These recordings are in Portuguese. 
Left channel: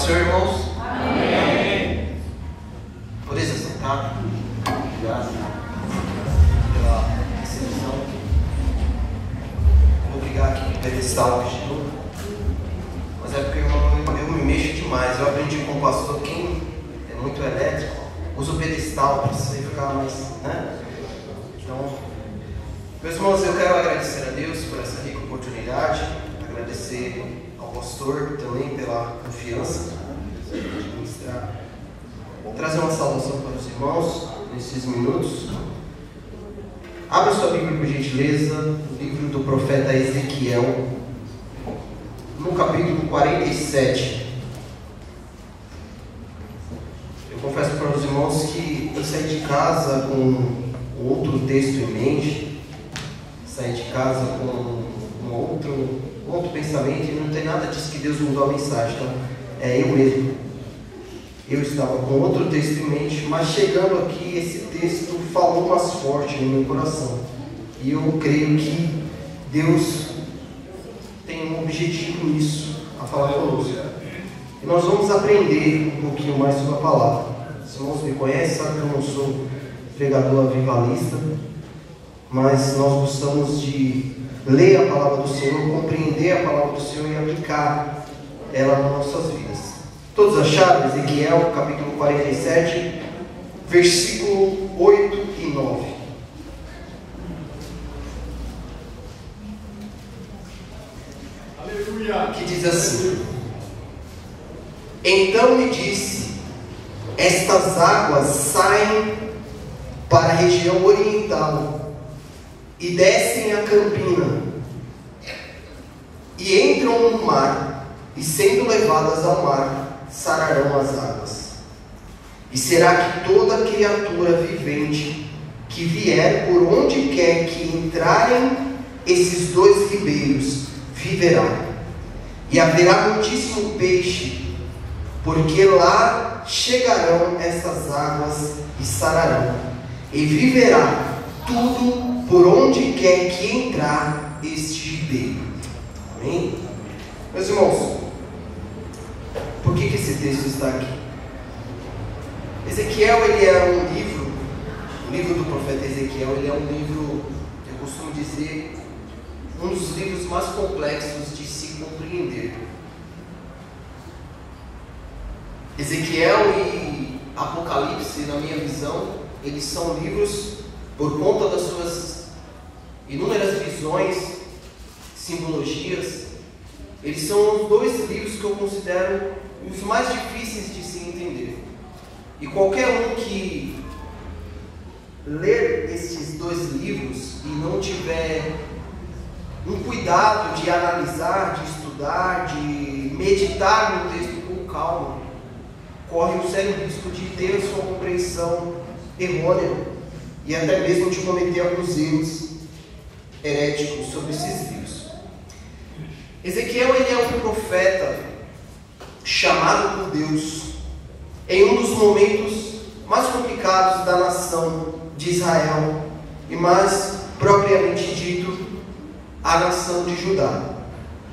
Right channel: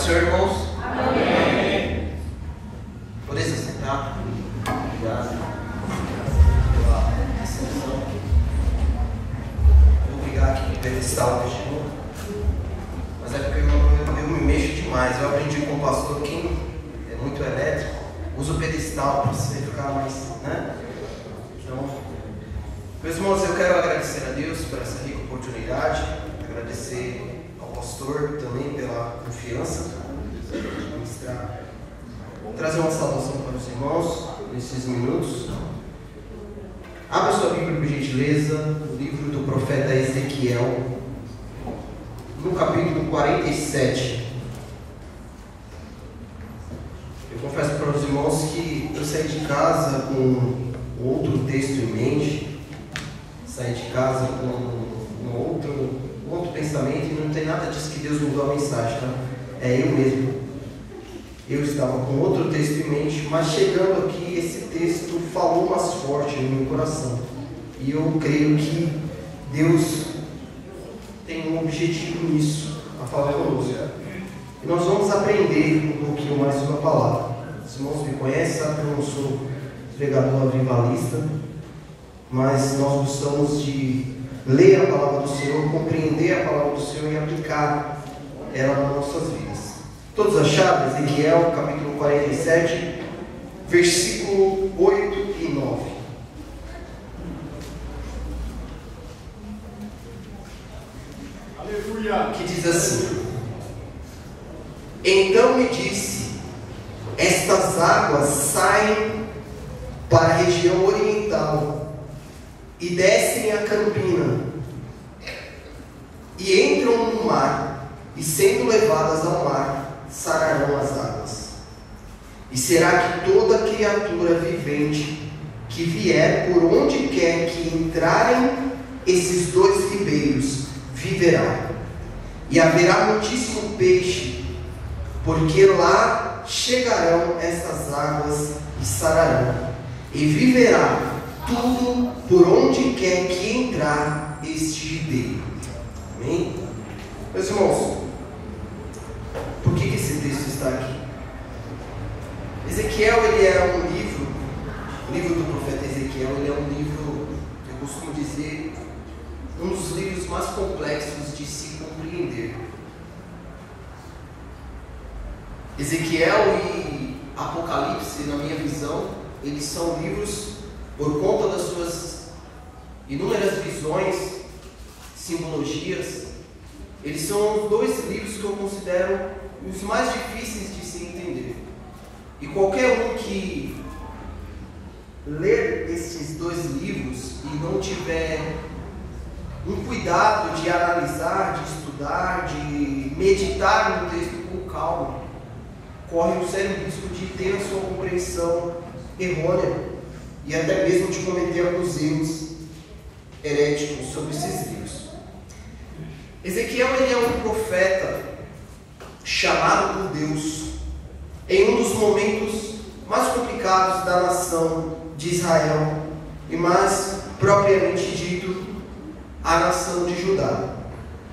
do Senhor, irmãos? Amém. Poder se sentar. Obrigado pela recepção. Vou ligar aqui no pedestal hoje, mas é porque eu me mexo demais. Eu aprendi com o pastor, quem é muito elétrico, usa o pedestal para você ficar mais, né? Então, meus irmãos, eu quero agradecer a Deus por essa rica oportunidade, agradecer ao pastor também pela confiança de ministrar. Vou trazer uma saudação para os irmãos nesses minutos. Abra sua Bíblia, por gentileza, no livro do profeta Ezequiel, no capítulo 47. Eu confesso para os irmãos que eu saí de casa com outro texto em mente, saí de casa com um outro pensamento, e não tem nada disso que Deus mudou a mensagem. Então, é eu mesmo. Eu estava com outro texto em mente, mas chegando aqui, esse texto falou mais forte no meu coração. E eu creio que Deus tem um objetivo nisso, a falar conosco. E nós vamos aprender um pouquinho mais sobre a palavra. Os irmãos me conhecem, sabem que eu não sou pregador avivalista, mas nós gostamos de ler a palavra do Senhor, compreender a palavra do Senhor e aplicar ela nas nossas vidas. Todos acharam? Ezequiel capítulo 47, versículo 8 e 9. Aleluia. Que diz assim: Então me disse, estas águas saem para a região oriental e descem a campina e entram no mar, e sendo levadas ao mar, sararão as águas. E será que toda criatura vivente que vier por onde quer que entrarem esses dois ribeiros viverá. E haverá muitíssimo peixe, porque lá chegarão essas águas e sararão. E viverá tudo por onde quer que entrar este ribeiro. Amém? Meus irmãos, por que esse texto está aqui? Ezequiel, ele é um livro, o livro do profeta Ezequiel, ele é um livro, eu costumo dizer, um dos livros mais complexos de se compreender. Ezequiel e Apocalipse, na minha visão, eles são livros, por conta das suas inúmeras visões, simbologias, eles são os dois livros que eu considero os mais difíceis de se entender. E qualquer um que ler esses dois livros e não tiver um cuidado de analisar, de estudar, de meditar no texto com calma, corre o sério risco de ter a sua compreensão errônea e até mesmo de cometer alguns erros heréticos sobre esses livros. Ezequiel, ele é um profeta chamado por Deus em um dos momentos mais complicados da nação de Israel e mais propriamente dito a nação de Judá.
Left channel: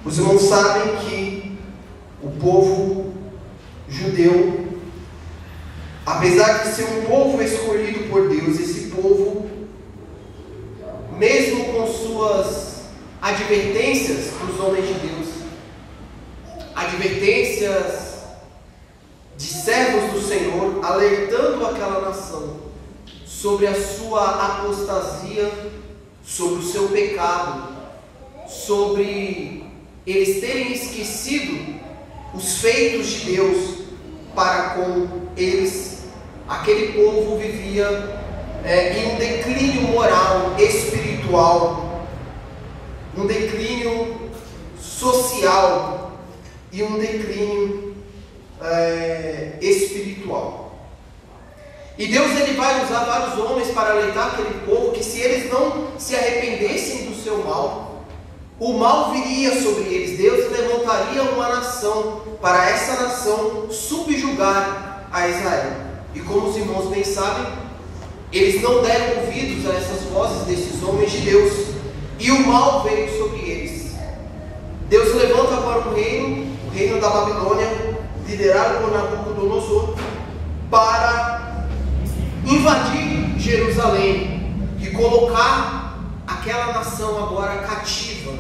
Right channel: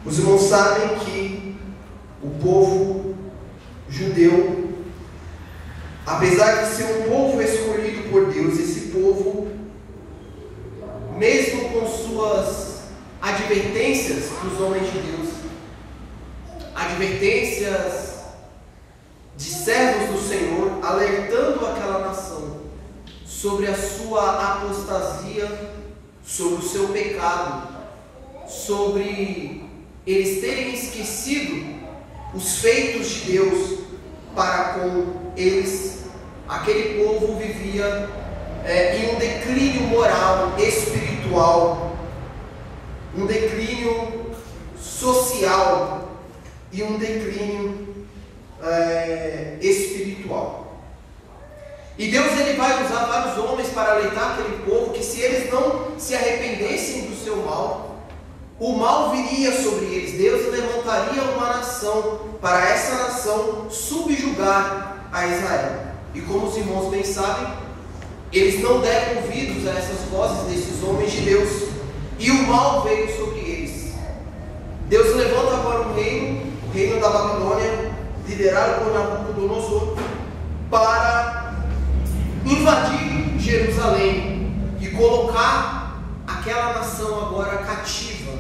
Os irmãos sabem que o povo judeu, apesar de ser um povo escolhido por Deus, esse povo, mesmo com suas advertências dos homens de Deus, advertências de servos do Senhor, alertando aquela nação sobre a sua apostasia, sobre o seu pecado, sobre eles terem esquecido os feitos de Deus para com eles. Aquele povo vivia em um declínio moral, espiritual, um declínio social e um declínio espiritual. E Deus, ele vai usar vários homens para alertar aquele povo que se eles não se arrependessem do seu mal, o mal viria sobre eles. Deus levantaria uma nação para essa nação subjugar a Israel. E como os irmãos bem sabem, eles não deram ouvidos a essas vozes desses homens de Deus, e o mal veio sobre eles. Deus levanta agora um reino, o reino da Babilônia, liderado por Nabucodonosor, para invadir Jerusalém e colocar aquela nação agora cativa.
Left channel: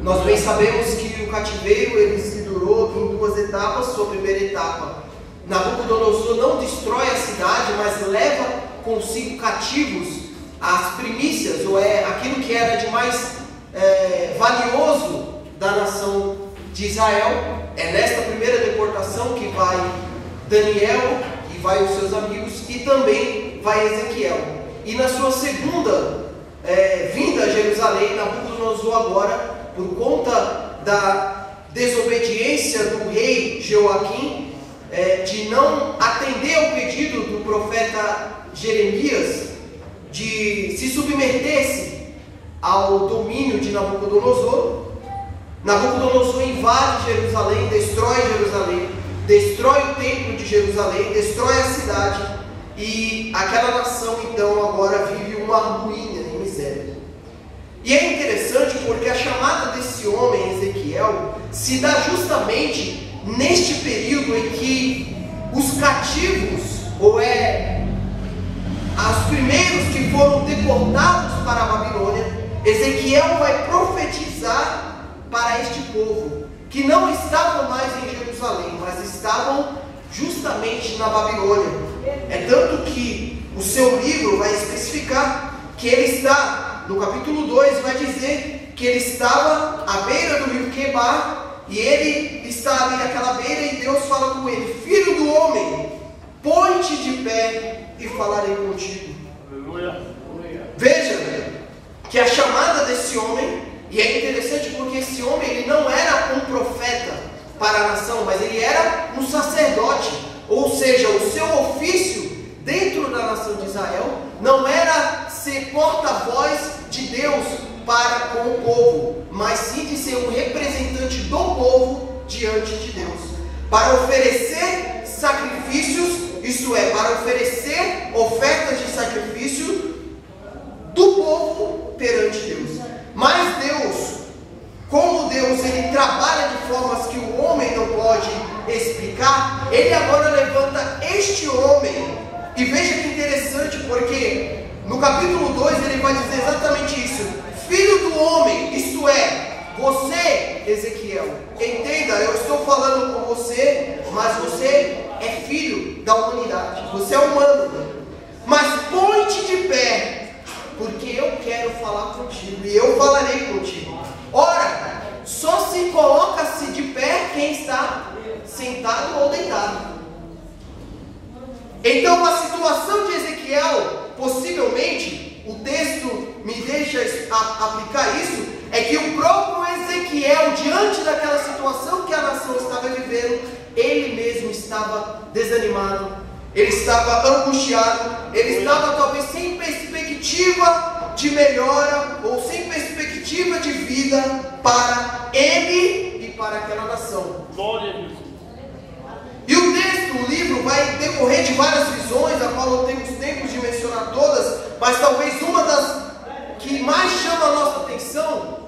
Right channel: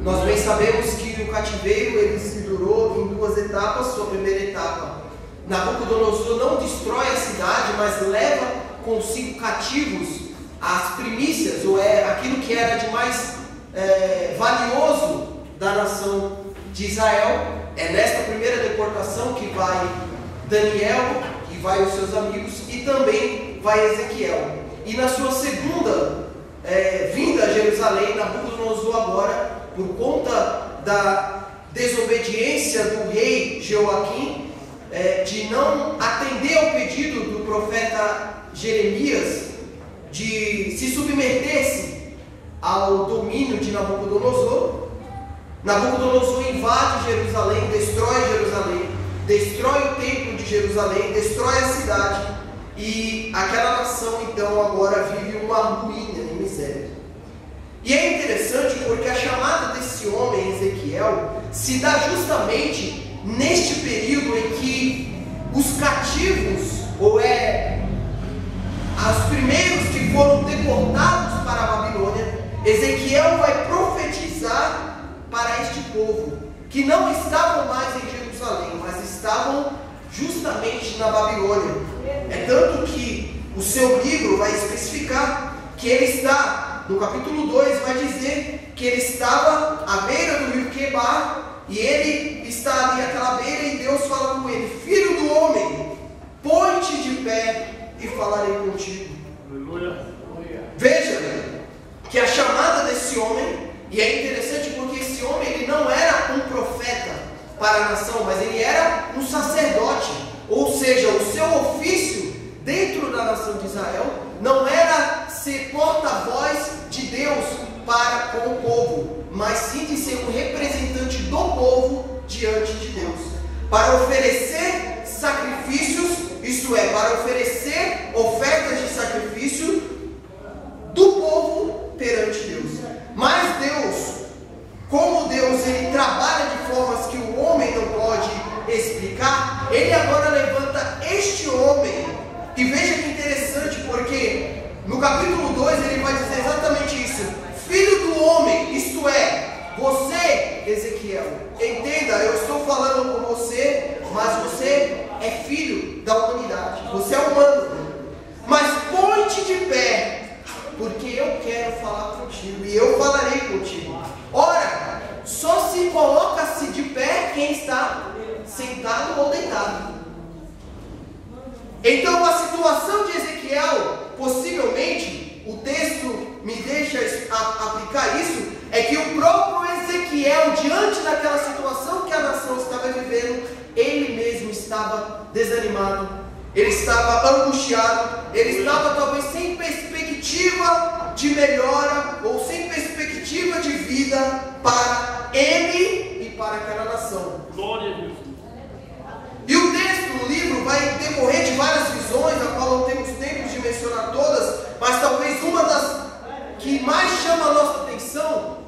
Nós bem sabemos que o cativeiro ele se durou em duas etapas. Sua primeira etapa, Nabucodonosor não destrói a cidade, mas leva consigo cativos as primícias, ou aquilo que era de mais valioso da nação de Israel. É nesta primeira deportação que vai Daniel e vai os seus amigos, e também vai Ezequiel. E na sua segunda vinda a Jerusalém, Nabucodonosor agora, por conta da desobediência do rei Jeoaquim, de não atender ao pedido do profeta Jeremias, de se submeter-se ao domínio de Nabucodonosor, Nabucodonosor invade Jerusalém, destrói o templo de Jerusalém, destrói a cidade, e aquela nação então agora vive uma ruína e miséria. E é interessante porque a chamada desse homem, Ezequiel, se dá justamente neste período em que os cativos, os primeiros que foram deportados para a Babilônia, Ezequiel vai profetizar para este povo, que não estavam mais em Jerusalém, mas estavam justamente na Babilônia. É tanto que o seu livro vai especificar que ele está, no capítulo 2, vai dizer que ele estava à beira do rio Quebar, e ele está ali àquela beira, e Deus fala com ele: filho do homem, põe-te de pé e falarei contigo. Aleluia. Veja que a chamada desse homem, e é interessante porque esse homem ele não era um profeta para a nação, mas ele era um sacerdote, ou seja, o seu ofício dentro da nação de Israel não era ser porta-voz de Deus para com o povo, mas sim de ser um representante do povo diante de Deus, para oferecer sacrifícios, isto é, para oferecer ofertas de sacrifício do povo perante Deus. Mas Deus, como Deus ele trabalha de formas que o homem não pode explicar, ele agora levanta este homem. E veja que interessante, porque no capítulo 2 ele vai dizer exatamente isso: filho do homem, isto é, você, Ezequiel, entenda, eu estou falando com você, mas você é filho da humanidade, você é humano, mas põe-te de pé, porque eu quero falar contigo, e eu falarei contigo. Ora, só se coloca-se de pé quem está sentado ou deitado. Então a situação de Ezequiel, possivelmente, o texto me deixa aplicar isso, é que o próprio Ezequiel, diante daquela situação que a nação estava vivendo, ele mesmo estava desanimado, ele estava angustiado, ele estava talvez sem perspectiva de melhora, ou sem perspectiva de vida para ele e para aquela nação. Glória a Deus. E o texto, o livro, vai decorrer de várias visões, a qual não temos tempo de mencionar todas, mas talvez uma das que mais chama a nossa atenção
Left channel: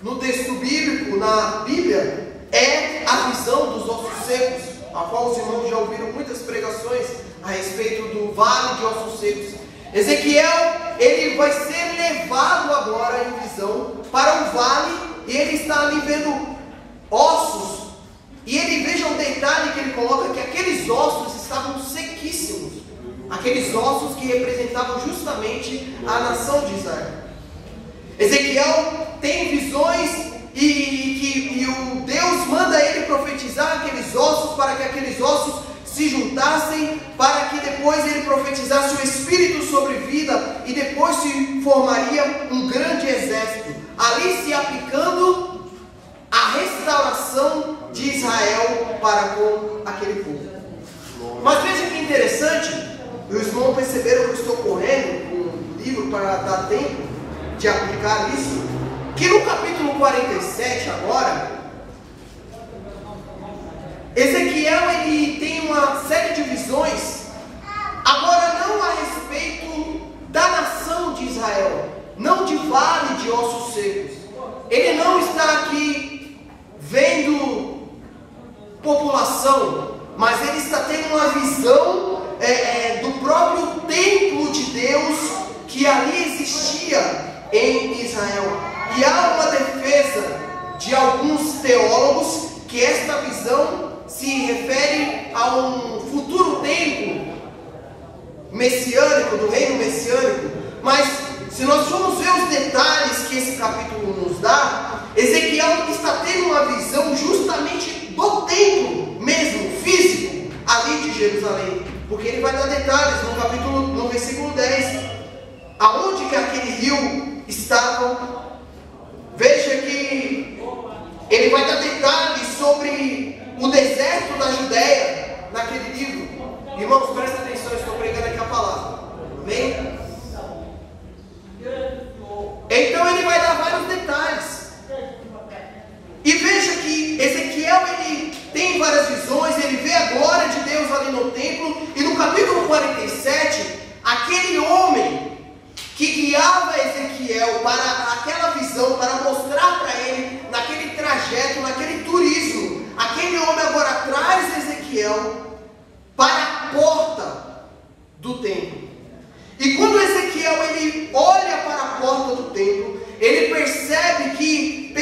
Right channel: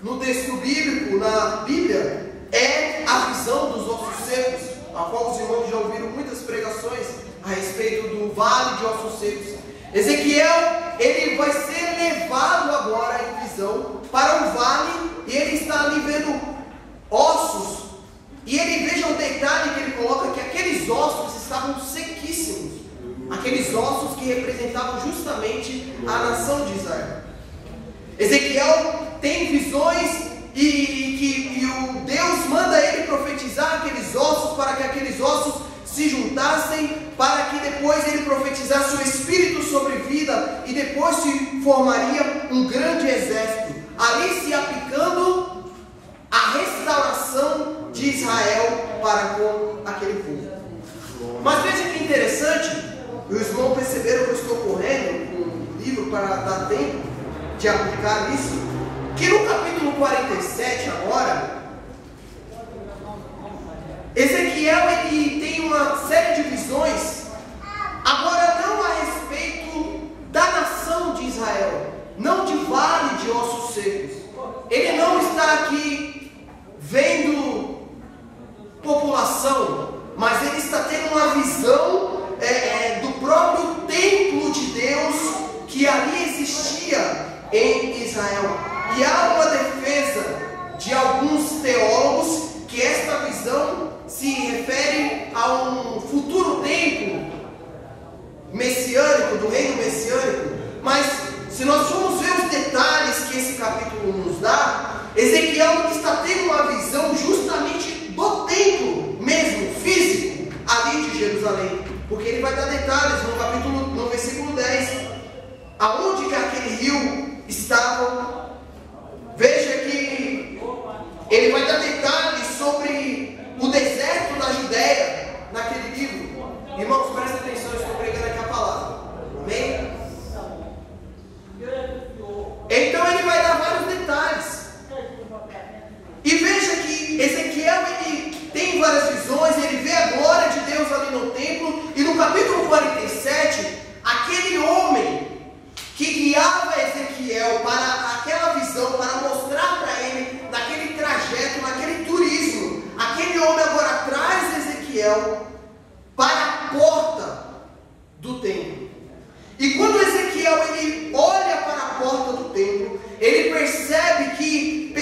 no texto bíblico, na Bíblia, é a visão dos ossos secos, a qual os irmãos já ouviram muitas pregações a respeito do vale de ossos secos. Ezequiel, ele vai ser levado agora em visão para um vale, e ele está ali vendo ossos. E ele, veja o detalhe que ele coloca, que aqueles ossos estavam sequíssimos. Aqueles ossos que representavam justamente a nação de Israel. Ezequiel tem visões e o Deus manda ele profetizar aqueles ossos, para que aqueles ossos se juntassem, para que depois ele profetizasse o Espírito sobre vida, e depois se formaria um grande exército, ali se aplicando a restauração de Israel para com aquele povo. Mas veja que interessante, os irmãos perceberam que eu estou correndo com o livro para dar tempo de aplicar isso, que no capítulo 47 agora, Ezequiel ele tem uma série de visões, agora não a respeito da nação de Israel, não de vale de ossos secos. Ele não está aqui vendo população salvação, mas ele está tendo uma visão do próprio templo de Deus que ali existia em Israel. E há uma defesa de alguns teólogos que esta visão se refere a um futuro templo messiânico, do reino messiânico. Mas se nós formos ver os detalhes que esse capítulo nos dá, Ezequiel está tendo uma visão justamente do templo mesmo, físico, ali de Jerusalém, porque ele vai dar detalhes no versículo 10, aonde que aquele rio estava. Veja que ele vai dar detalhes sobre o deserto da Judéia naquele livro. Irmãos, prestem atenção, eu estou pregando aqui a palavra. Amém? Então ele vai dar vários detalhes. E veja que Ezequiel, ele tem várias visões, ele vê a glória de Deus ali no templo. E no capítulo 47, aquele homem que guiava Ezequiel para aquela visão, para mostrar para ele, naquele trajeto, naquele turismo, aquele homem agora traz Ezequiel para a porta do templo. E quando Ezequiel ele olha para a porta do templo, ele percebe que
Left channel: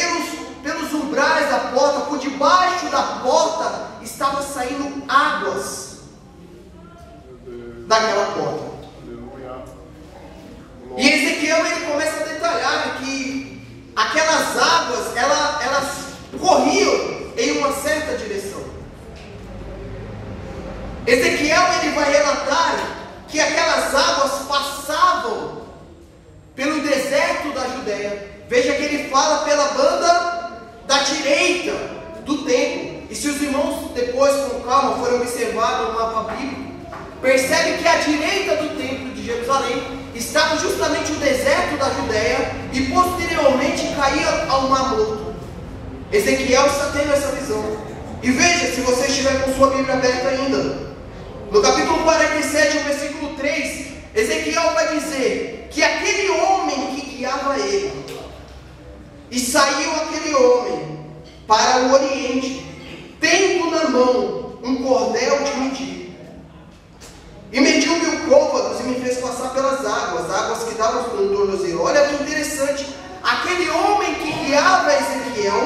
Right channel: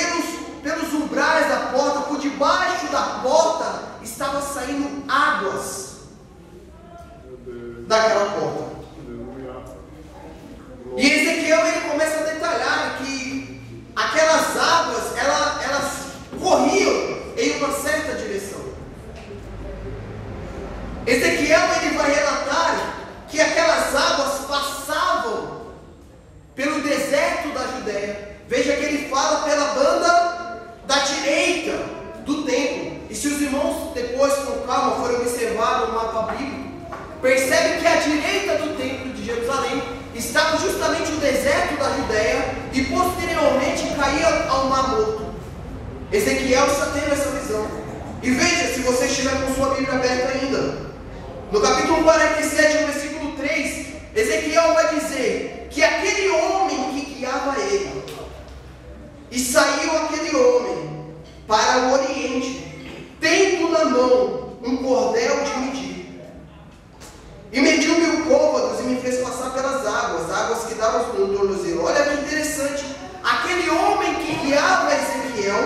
pelos umbrais da porta, por debaixo da porta, estava saindo águas daquela porta. E Ezequiel ele começa a detalhar que aquelas águas elas corriam em uma certa direção. Ezequiel ele vai relatar que aquelas águas passavam pelo deserto da Judéia. Veja que ele fala pela banda da direita do templo. E se os irmãos depois com calma forem observar no mapa bíblico, percebe que à direita do templo de Jerusalém estava justamente o deserto da Judéia e posteriormente caía ao Mar Morto. Ezequiel está tendo essa visão. E veja, se você estiver com sua Bíblia aberta ainda, no capítulo 47, no versículo 3, Ezequiel vai dizer que aquele homem que guiava ele, e saiu aquele homem para o oriente, tendo na mão um cordel de medir, e mediu 1000 côvados e me fez passar pelas águas que davam no tornozelo. Olha que interessante, aquele homem que guiava Ezequiel,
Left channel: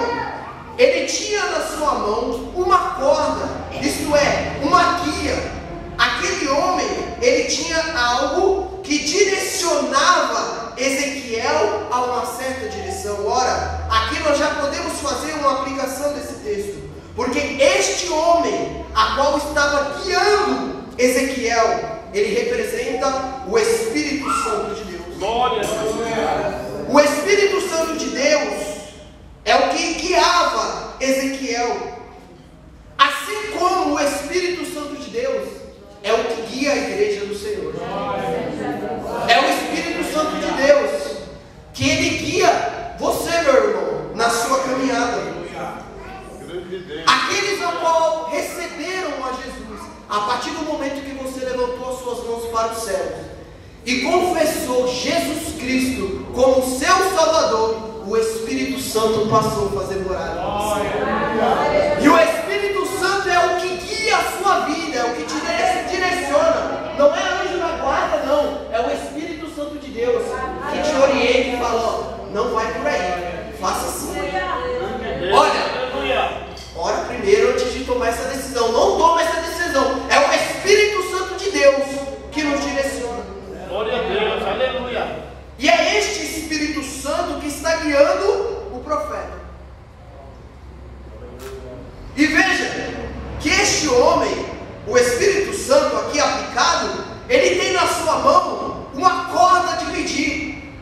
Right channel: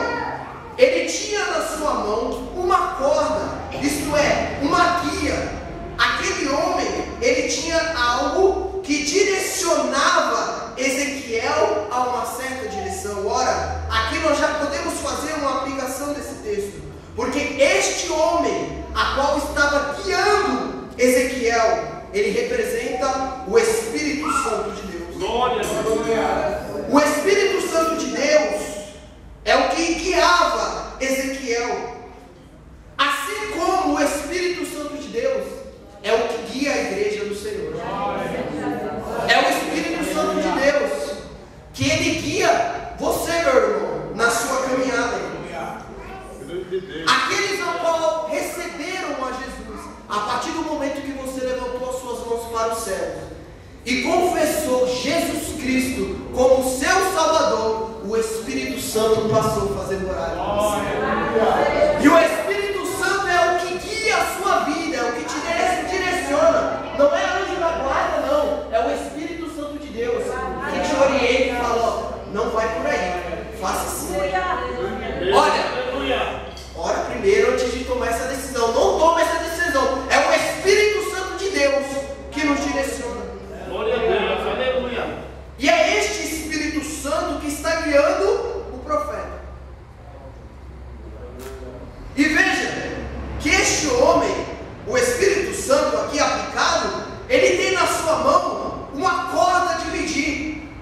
ele tinha na sua mão uma corda, isto é, uma guia. Aquele homem, ele tinha algo que direcionava Ezequiel a uma certa direção. Ora, aqui nós já podemos fazer uma aplicação desse texto, porque este homem, a qual estava guiando Ezequiel, ele representa o Espírito Santo de Deus. Glória a Deus. O Espírito Santo de Deus é o que guiava Ezequiel, assim como o Espírito Santo de Deus é o que guia a igreja do Senhor. É o Espírito Santo de Deus que ele guia você, meu irmão, na sua caminhada. Aqueles ao qual receberam a Jesus, a partir do momento que você levantou as suas mãos para os céus e confessou Jesus Cristo como seu Salvador, o Espírito Santo passou a fazer morada em você. E o Espírito Santo é o que guia a sua vida, é o que te direciona. Não é anjo da guarda, não. É o Espírito Santo de Deus que te orienta e fala: ó, não vai por aí, faça assim. Olha, ora primeiro antes de tomar essa decisão. Não tome essa decisão. É o Espírito Santo de Deus que nos direciona. Glória a Deus, aleluia. E é este Espírito Santo que está guiando o profeta. E veja que este homem, o Espírito Santo aqui aplicado, ele tem na sua mão uma corda de medir.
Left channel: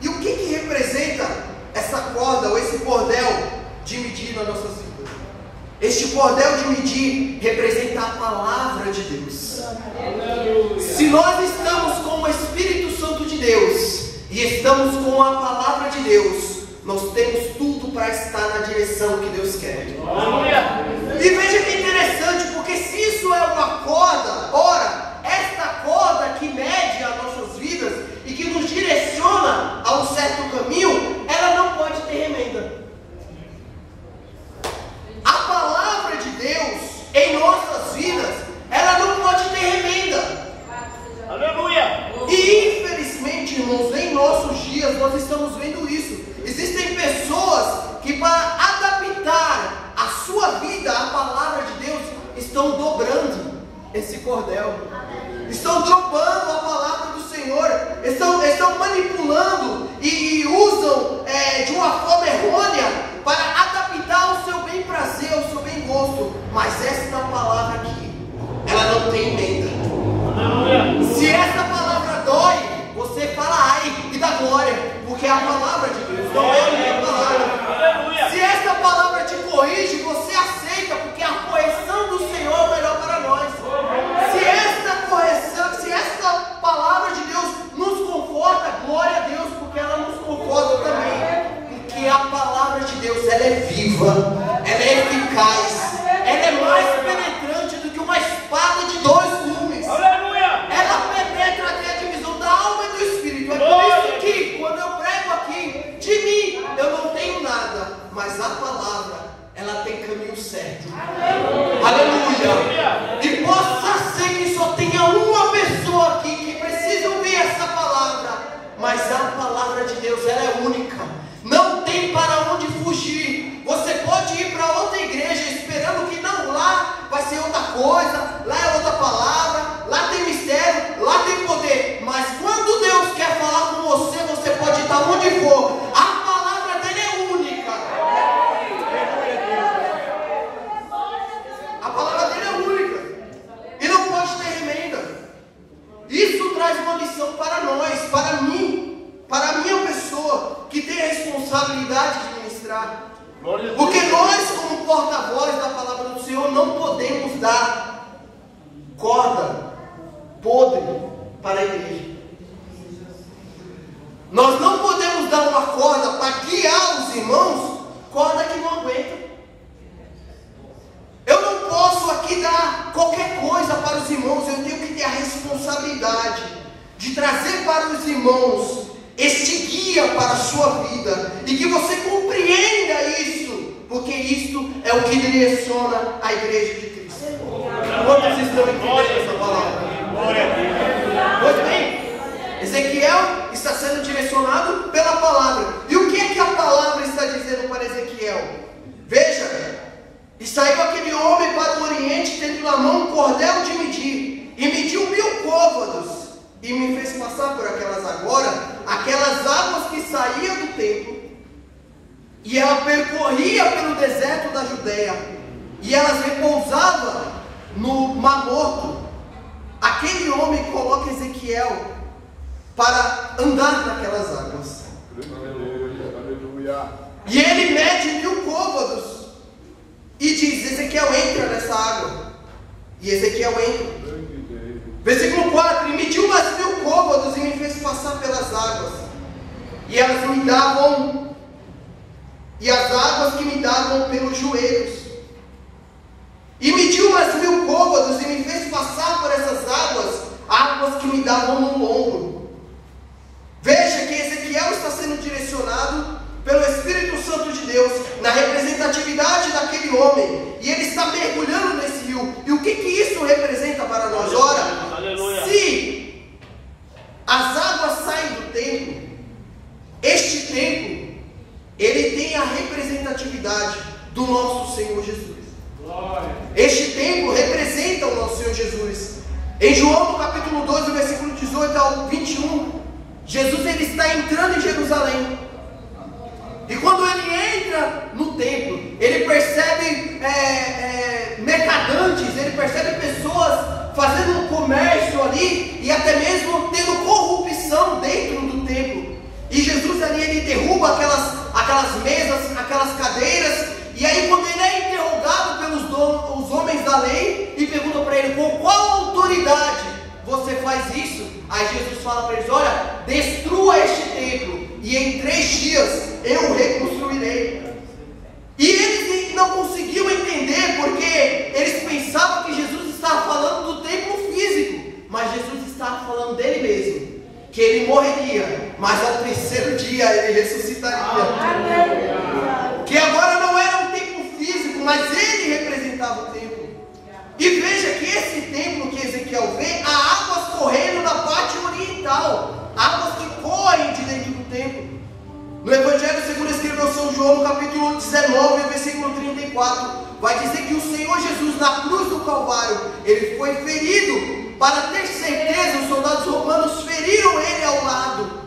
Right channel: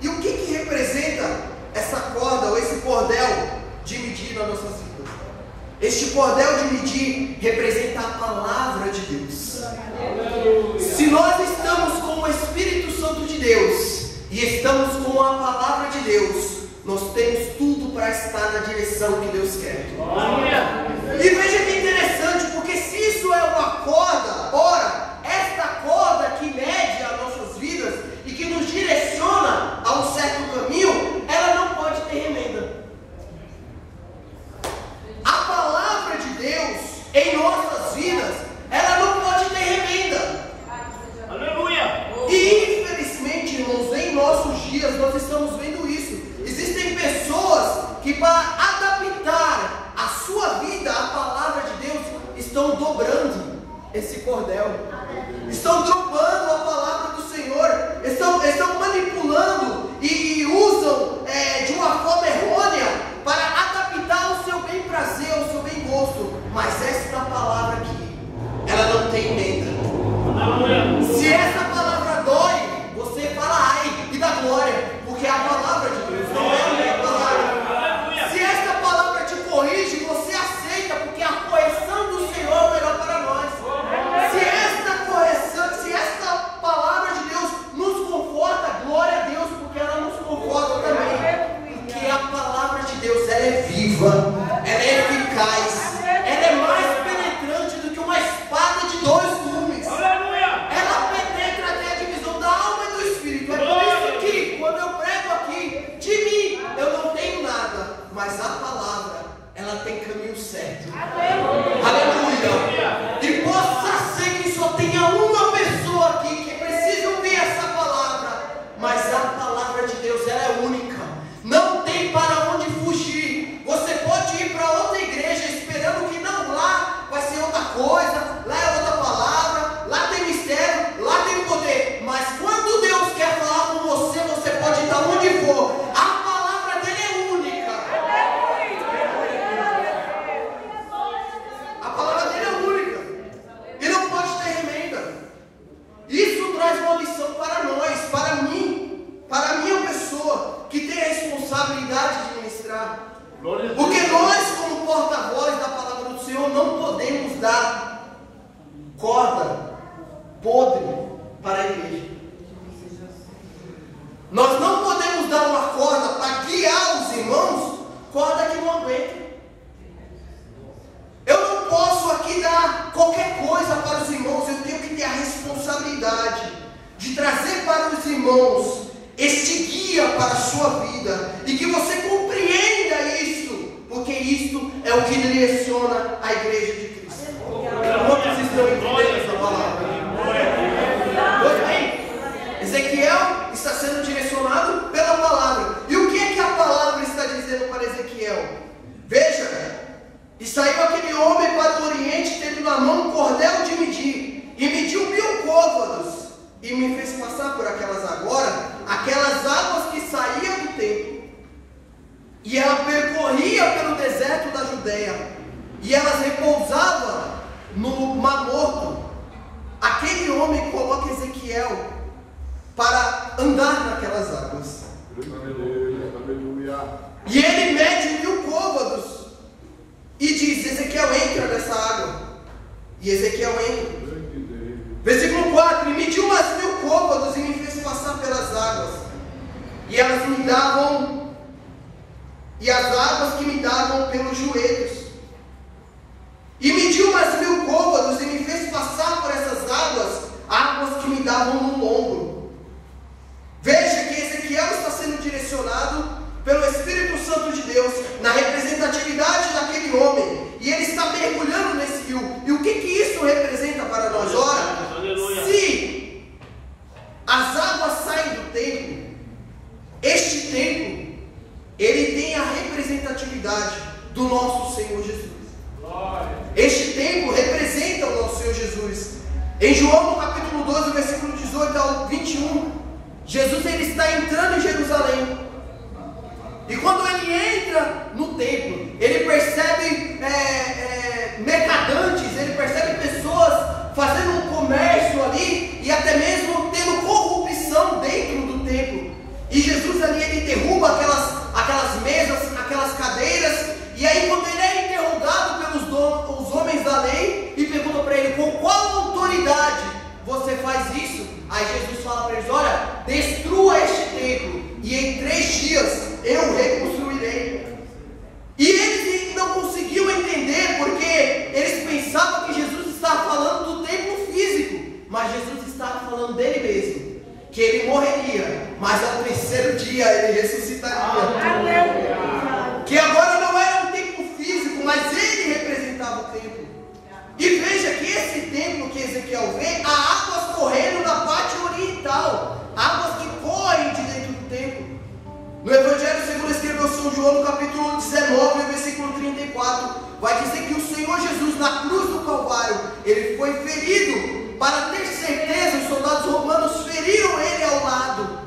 E o que representa essa corda ou esse cordel de medir nas nossas vidas? Este cordel de medir representa a palavra de Deus. Se nós estamos com o Espírito Santo de Deus e estamos com a palavra de Deus, nós temos tudo para estar na direção que Deus quer. E veja que interessante, porque se isso é uma corda, ora, esta corda que mede as nossas vidas e que nos direciona a um certo caminho, ela não pode ter remenda. A palavra de Deus estão dobrando esse cordel, estão dropando a palavra do Senhor, estão manipulando e usam de uma forma errônea para adaptar o seu bem prazer, o seu bem gosto. Mas esta palavra aqui, ela não tem emenda. Se essa palavra dói, você fala ai e dá glória, porque é a palavra de Deus. Se esta palavra te corrige, você aceita, porque a correção do Senhor é o melhor para nós. Se esta palavra de Deus nos conforta, glória a Deus, porque ela nos conforta também. Porque a palavra de Deus, ela é viva, ela é eficaz, ela é mais penetrante do que uma espada de dois gumes. Ela penetra até a divisão da alma e do espírito. É por isso que, quando eu prego aqui, de mim eu não tenho nada, mas a palavra, ela tem caminho certo. Aleluia. E possa ser que só tenha uma pessoa aqui que precisa ouvir essa palavra, mas a palavra de Deus, ela é única, não tem para onde fugir. Você pode ir para outra igreja esperando que não, lá vai ser outra coisa, lá é outra palavra, lá tem mistério, lá tem poder, mas quando Deus quer falar com você, você pode estar onde for, a palavra dele é única. A palavra dele é única e não pode ter emenda. Isso traz uma lição para nós, para mim, para a minha pessoa que tem a responsabilidade de ministrar. Porque nós, como porta-voz da palavra do Senhor, não podemos dar corda podre para a igreja. Nós não podemos dar uma corda para guiar os irmãos, corda que não aguenta. Eu não posso aqui dar qualquer coisa para os irmãos, eu tenho que ter a responsabilidade de trazer para os irmãos este guia para a sua vida, e que você compreenda isso, porque isto é o que direciona a igreja de Cristo. Quantos estão entendendo essa palavra? Pois bem, Ezequiel está sendo direcionado pela palavra. E o que é que a palavra está dizendo para Ezequiel? Veja, e saiu aquele homem para o oriente, tendo na mão um cordel de medir, e mediu 1000 côvados, e me fez passar por aquelas águas que saíam do templo, e ela percorria pelo deserto da Judeia, e elas repousavam no Mar Morto. Aquele homem coloca Ezequiel para andar naquelas águas. Aleluia. E ele mede 1000 côvados e diz: Ezequiel, entra nessa água. E Ezequiel entra. Versículo 4: e mediu umas 1000 côvados e me fez passar pelas águas, e elas me davam, e as águas que me davam pelos joelhos. E mediu umas 1000 côvados e me fez passar por essas águas que me davam no ombro. Veja que Ezequiel está sendo direcionado pelo Espírito Santo de Deus na representatividade daquele homem, e ele está mergulhando nesse rio. E o que isso representa para nós? Ora, se as águas saem do templo, este templo, ele tem a representatividade do nosso Senhor Jesus. Este templo representa o nosso Senhor Jesus. Em João, no capítulo 12, versículo 18 ao 21, Jesus ele está entrando em Jerusalém. E quando ele entra no templo, ele percebe mercadantes, ele percebe pessoas fazendo um comércio ali, e até mesmo tendo corrupção dentro do templo. E Jesus ali, ele derruba aquelas mesas, aquelas cadeiras. E aí, quando ele é interrogado pelos homens da lei, e pergunta para ele: com qual autoridade você faz isso? Aí Jesus fala para eles: olha, destrua este templo, e em 3 dias eu reconstruirei. E eles não conseguiam entender, porque eles pensavam que Jesus estava falando do templo físico, mas Jesus estava falando dele mesmo, que ele morreria, mas ao 3º dia ele ressuscitaria. Que agora não era um templo físico, mas ele representava o templo. E veja que esse templo que Ezequiel vê, há águas correndo na parte oriental, águas que correm de dentro do templo. No Evangelho segundo escreveu São João, no capítulo 19, versículo 34, vai dizer que o Senhor Jesus na cruz do Calvário, ele foi ferido, para ter certeza, os soldados romanos feriram ele ao lado.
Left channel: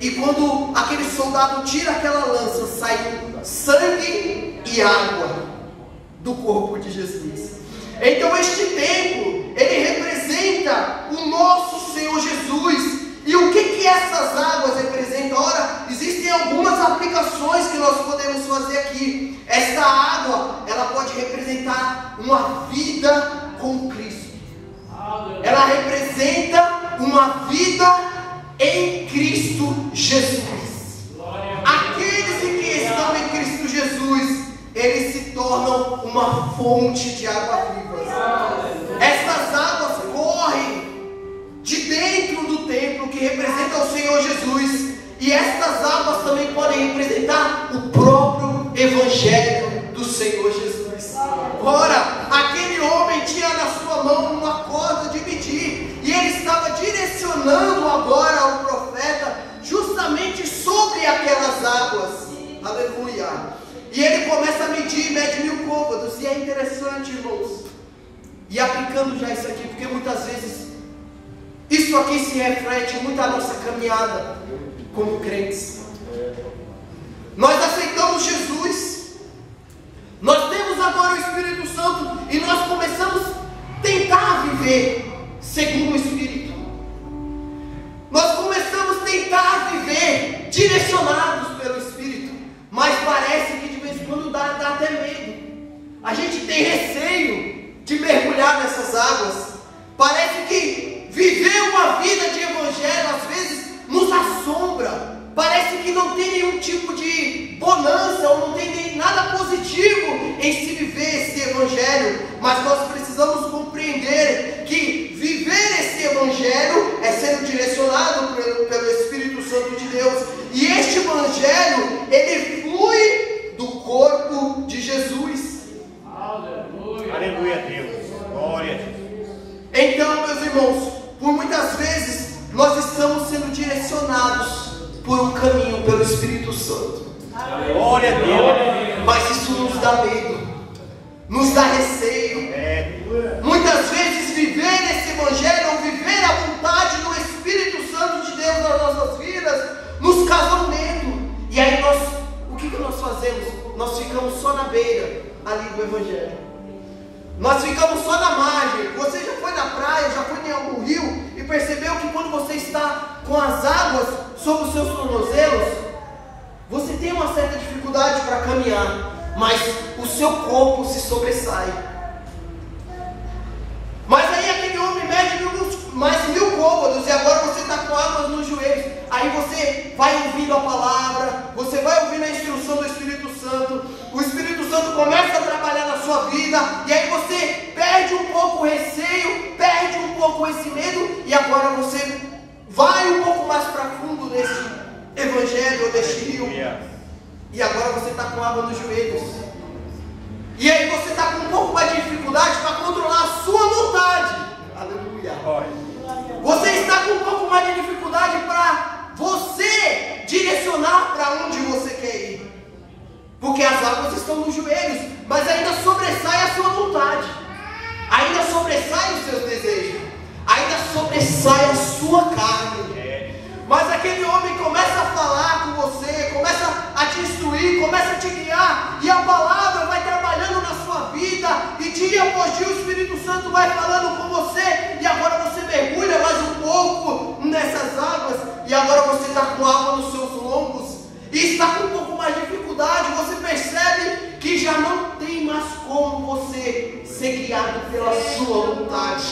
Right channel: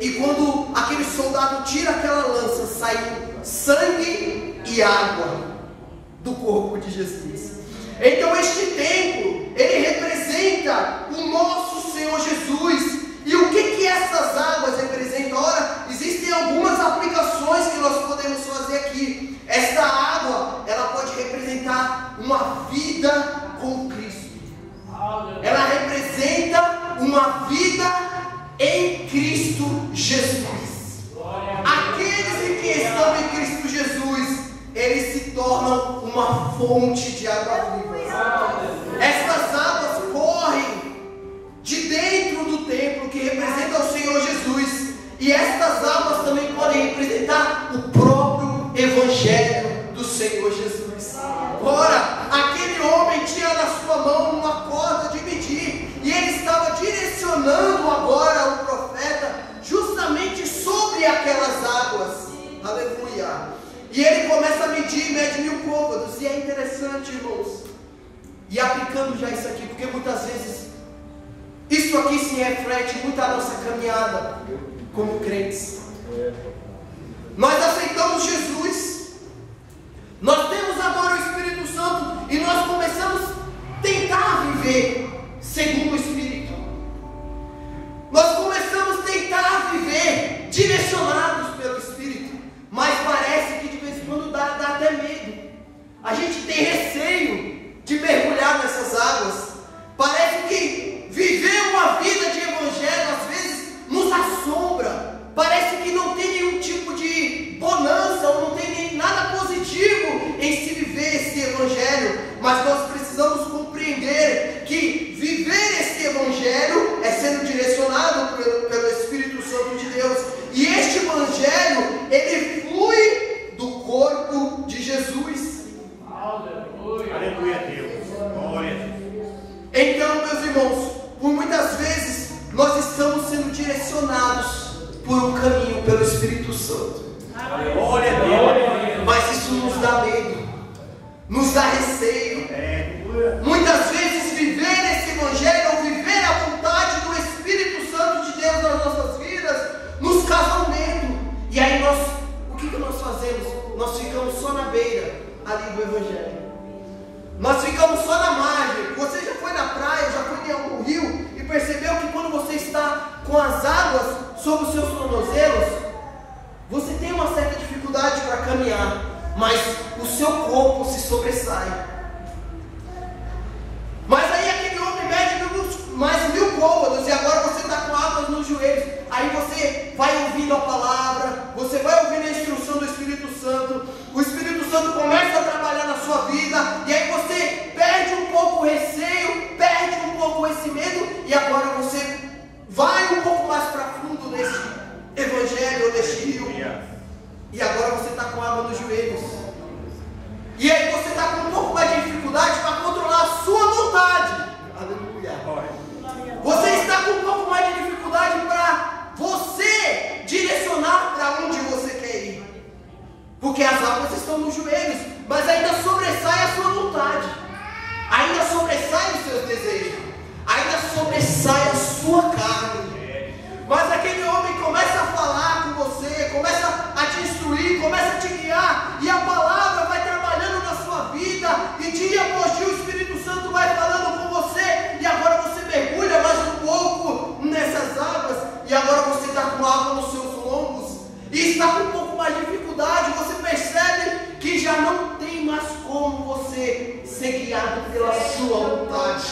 E quando aquele soldado tira aquela lança, sai sangue e água do corpo de Jesus. Então este templo, ele representa o nosso Senhor Jesus. E o que essas águas representam? Ora, existem algumas aplicações que nós podemos fazer aqui. Esta água, ela pode representar uma vida com Cristo. Ela representa uma vida em Cristo Jesus. Aqueles que estão em Cristo Jesus, eles se tornam uma fonte de água viva. Essas águas correm de dentro do templo, que representa o Senhor Jesus. E estas águas também podem representar o próprio Evangelho do Senhor Jesus. Ora, aquele homem tinha na sua mão uma corda de medir, e ele estava direcionando agora o profeta justamente sobre aquelas águas. Aleluia. E ele começa a medir, mede 1000 côvados. E é interessante, irmãos, e aplicando já isso aqui, porque muitas vezes isso aqui se reflete muito a nossa caminhada como crentes. Nós aceitamos Jesus, nós temos agora o Espírito Santo, e nós começamos a tentar viver segundo o Espírito. Nós começamos a tentar viver direcionados pelo Espírito, mas parece que de vez em quando dá até medo. A gente tem receio de mergulhar nessas águas. Parece que viver uma vida de evangelho às vezes nos assombra. Parece que não tem nenhum tipo de bonança, ou não tem nem nada positivo em se viver esse evangelho. Mas nós precisamos compreender que viver esse evangelho é sendo direcionado pelo Espírito Santo de Deus. E este evangelho, ele flui do corpo de Jesus. Aleluia. Aleluia a Deus. Glória a Deus. Então, meus irmãos, por muitas vezes nós estamos sendo direcionados por um caminho pelo Espírito Santo. Glória a Deus. Mas isso nos dá medo, nos dá receio. Muitas vezes viver esse evangelho, ou viver a vontade do Espírito Santo de Deus nas nossas vidas, nos causa medo. E aí o que nós fazemos? Nós ficamos só na beira ali do evangelho. Nós ficamos só na margem. Você já foi na praia, já foi em algum rio e percebeu que quando você está com as águas sobre os seus tornozelos, você tem uma certa dificuldade para caminhar, mas o seu corpo se sobressai. Mas aí aquele homem mede mais 1000 côvados, e agora você está com águas nos joelhos. Aí você vai ouvindo a palavra, você vai ouvindo a instrução do Espírito Santo. O Espírito Santo começa a trabalhar na sua vida, e aí você perde um pouco o receio, perde um pouco esse medo, e agora você vai um pouco mais para fundo nesse evangelho, ou neste rio. E agora você está com água nos joelhos. E aí você está com um pouco mais de dificuldade para controlar a sua vontade. Aleluia. Você está com um pouco mais de dificuldade para você direcionar para onde você quer ir. Porque as águas estão nos joelhos, mas ainda sobressai a sua vontade. Ainda sobressai os seus desejos. Ainda sobressai a sua carne. Mas aquele homem começa a falar com você, começa a te instruir, começa a te guiar, e a palavra vai trabalhando na sua vida, e dia após dia o Espírito Santo vai falando com você, e agora você mergulha mais um pouco nessas águas, e agora você está com água nos seus lombos, e está com um pouco mais de dificuldade. Você percebe que já não tem mais como você ser guiado pela sua vontade.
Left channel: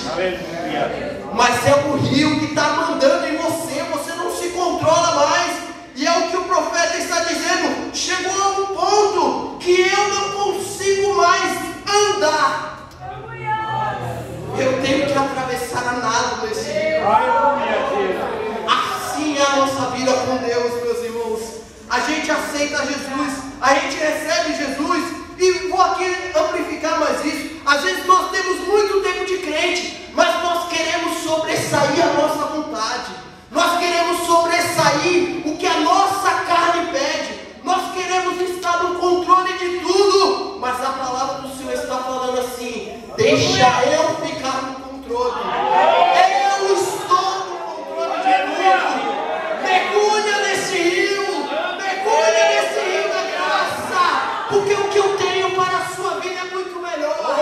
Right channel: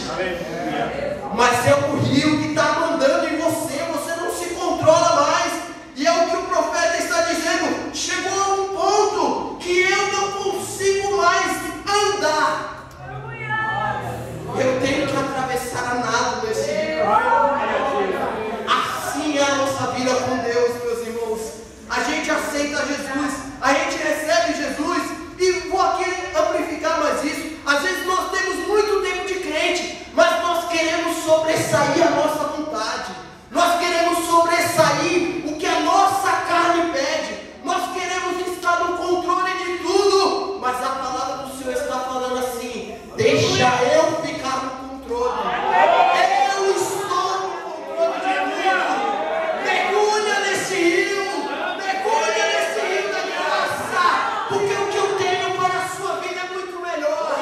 Mas é o rio que está mandando em você, você não se controla mais. E é o que o profeta está dizendo: chegou a um ponto que eu não consigo mais andar. Eu tenho que atravessar a nado nesse rio. Assim é a nossa vida com Deus, meus irmãos. A gente aceita Jesus, a gente recebe Jesus, e vou aqui amplificar mais isso. Às vezes nós temos muito tempo de crente, mas nós queremos sobressair a nossa vontade, nós queremos sobressair o que a nossa carne pede, nós queremos estar no controle de tudo, mas a palavra Deixa eu ficar no controle. Eu estou no controle de tudo. Mergulha nesse rio. Mergulha nesse rio da graça. Porque o que eu tenho para a sua vida é muito melhor.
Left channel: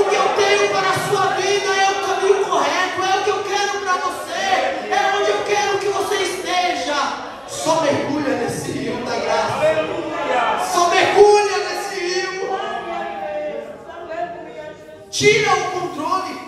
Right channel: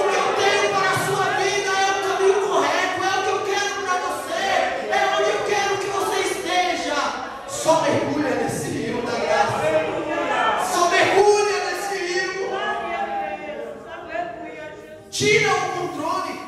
O que eu tenho para a sua vida é o caminho correto. É o que eu quero para você. É onde eu quero que você esteja. Só mergulha nesse rio da graça. Só mergulha nesse rio. Tira o controle.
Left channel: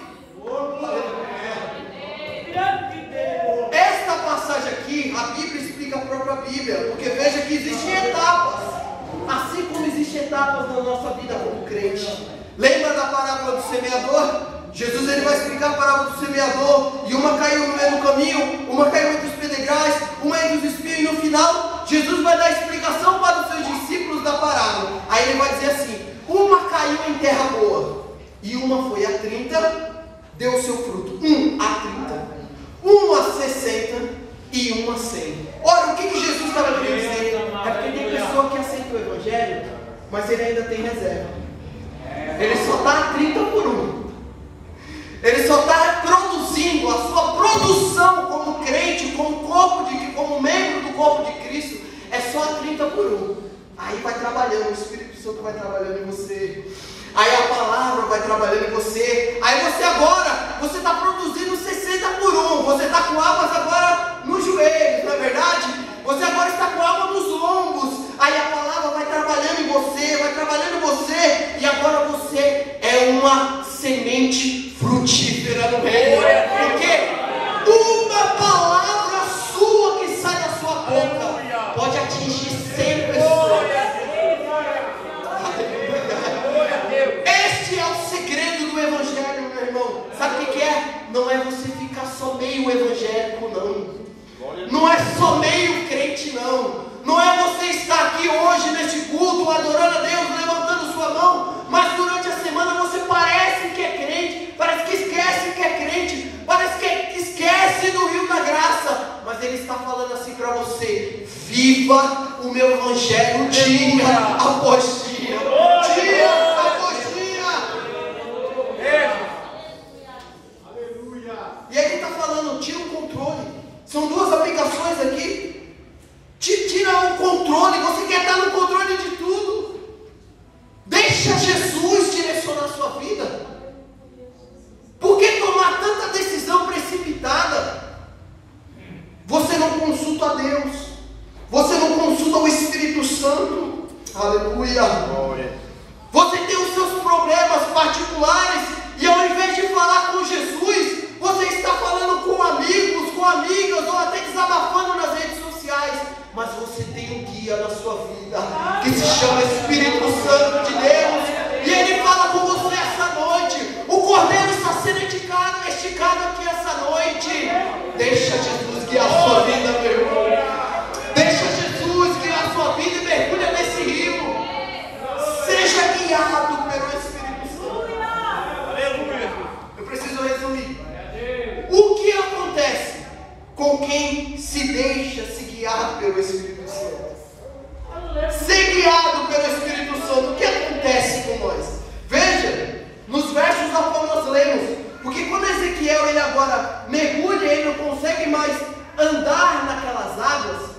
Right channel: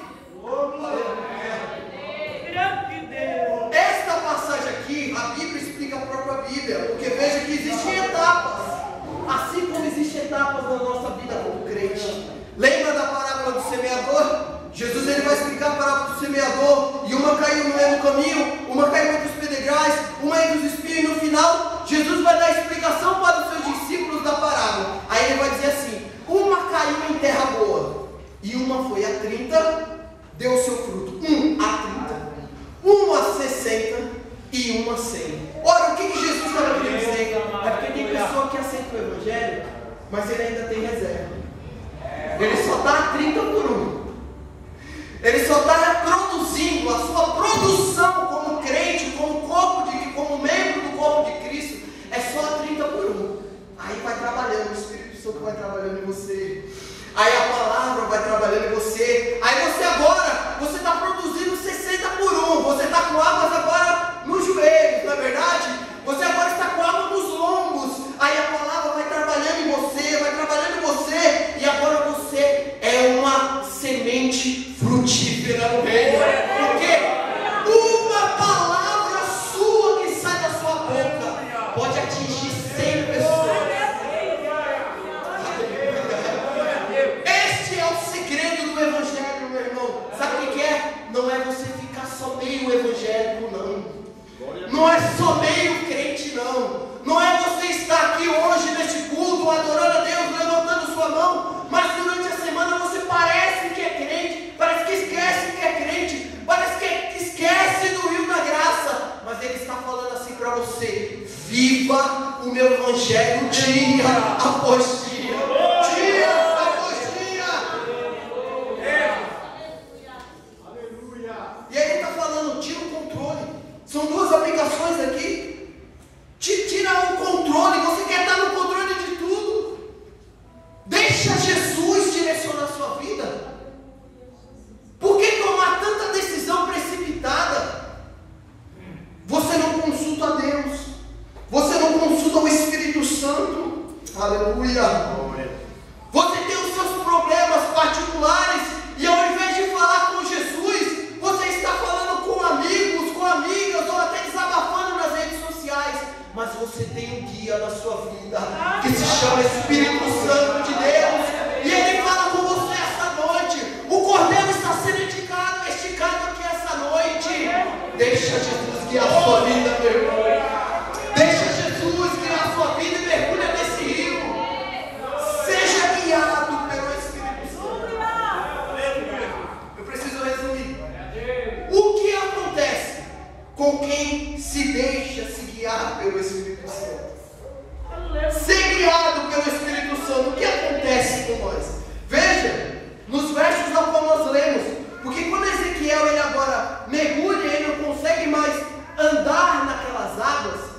Esta passagem aqui, a Bíblia explica a própria Bíblia, porque veja que existem etapas, assim como existem etapas na nossa vida como crente. Lembra da parábola do semeador? Jesus ele vai explicar a parábola do semeador, e uma caiu no meio do caminho, uma caiu entre os pedregais, uma entre os espinhos, e no final Jesus vai dar a explicação para os seus discípulos da parábola. Aí ele vai dizer assim: uma caiu em terra boa, e uma foi a 30, deu seu fruto, 1 a 30, uma a 60 e uma a 100. Ora, o que Jesus estava querendo dizer? É porque tem pessoa que aceita o Evangelho, mas ele ainda tem reserva. Ele só está a 30 por 1. Ele só está produzindo, a sua produção como crente, como membro do corpo de Cristo, é só a 30 por 1. Aí vai trabalhando, o Espírito Santo vai trabalhando em você. Aí a palavra vai trabalhando em você. Aí você está produzindo 60 por 1. Você está com águas agora nos joelhos, não é verdade? Você agora está com água nos lombos. Aí a palavra vai trabalhando em você, vai trabalhando em você. E agora você é uma semente frutífera no reino. Porque uma palavra sua que sai da sua boca pode atingir 100 pessoas. Este é o segredo do Evangelho, meu irmão. Sabe o que é? Não é você ficar só meio evangélico, não. Não é só meio crente, não. Não é você estar aqui hoje neste culto, adorando a Deus, levantando sua mão, mas durante a semana você parece que é crente, parece que esquece que é crente, parece que esquece do rio da graça. Mas ele está falando assim para você: viva o meu Evangelho dia após dia. Dia após dia. E aí ele está falando: tira o controle. São duas aplicações aqui. Tira o controle. Você quer estar no controle de tudo? Deixa Jesus direcionar a sua vida. Por que tomar tanta decisão precipitada? Você não consulta a Deus. Você não consulta o Espírito Santo. Aleluia. Você tem os seus problemas particulares, e ao invés de falar com Jesus, você está falando com amigos, com amigas, ou até desabafando nas redes sociais. Mas você tem um guia na sua vida, que se chama Espírito Santo de Deus, e ele fala com você essa noite. O cordeiro está sendo esticado aqui essa noite. Deixa Jesus guiar a sua vida, meu irmão. Deixa Jesus guiar a sua vida e mergulha nesse rio. Seja guiado pelo Espírito Santo. Eu preciso resumir. O que acontece com quem se deixa se guiar pelo Espírito Santo? Ser guiado pelo Espírito Santo, o que acontece com nós? Veja, nos versos ao qual nós lemos, porque quando Ezequiel ele agora mergulha, ele não consegue mais andar naquelas águas,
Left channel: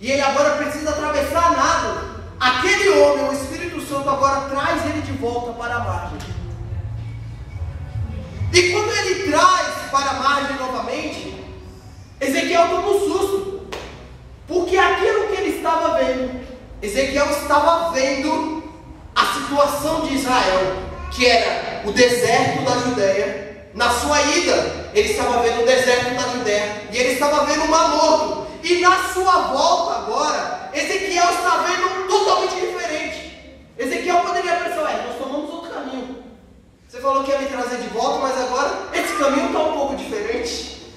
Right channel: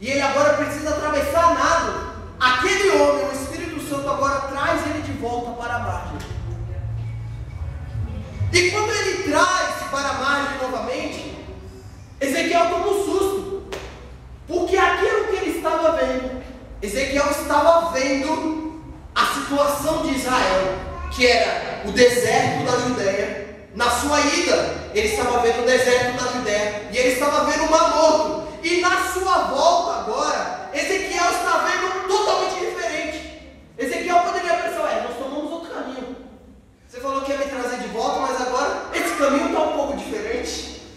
e ele agora precisa atravessar nado. Aquele homem, o Espírito Santo agora traz ele de volta para a margem. E quando ele traz para a margem novamente, Ezequiel toma um susto, porque aquilo que ele estava vendo, Ezequiel estava vendo a situação de Israel, que era o deserto da Judéia. Na sua ida, ele estava vendo o deserto da Judéia, e ele estava vendo o Mar Morto, e na sua volta agora, Ezequiel está vendo totalmente diferente. Ezequiel poderia pensar: nós tomamos outro caminho. Você falou que ia me trazer de volta, mas agora esse caminho está um pouco diferente.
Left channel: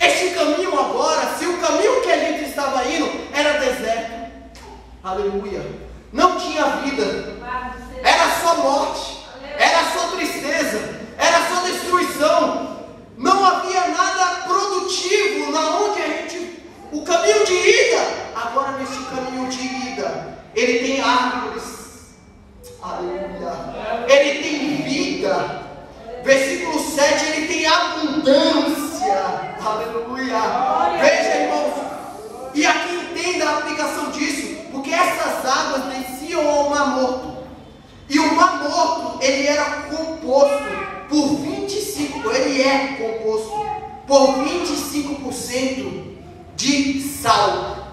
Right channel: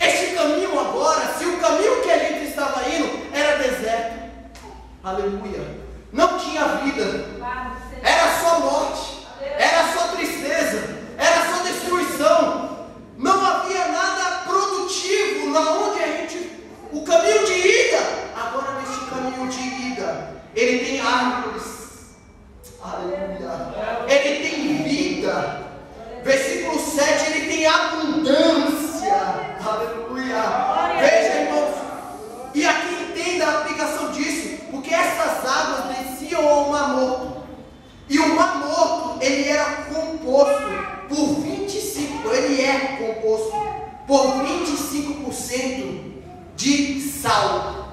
Este caminho agora, se o caminho que a gente estava indo era deserto, aleluia, não tinha vida, era só morte, era só tristeza, era só destruição, não havia nada produtivo na onde a gente, o caminho de ida. Agora nesse caminho de ida, ele tem árvores, aleluia, ele tem vida, Versículo 7, ele tem abundância. Aleluia. Veja, irmãos. E aqui entenda a aplicação disso, porque essas águas desciam ao Mar Morto. E o Mar Morto, ele era composto por 25%, ele é composto por 25% de sal.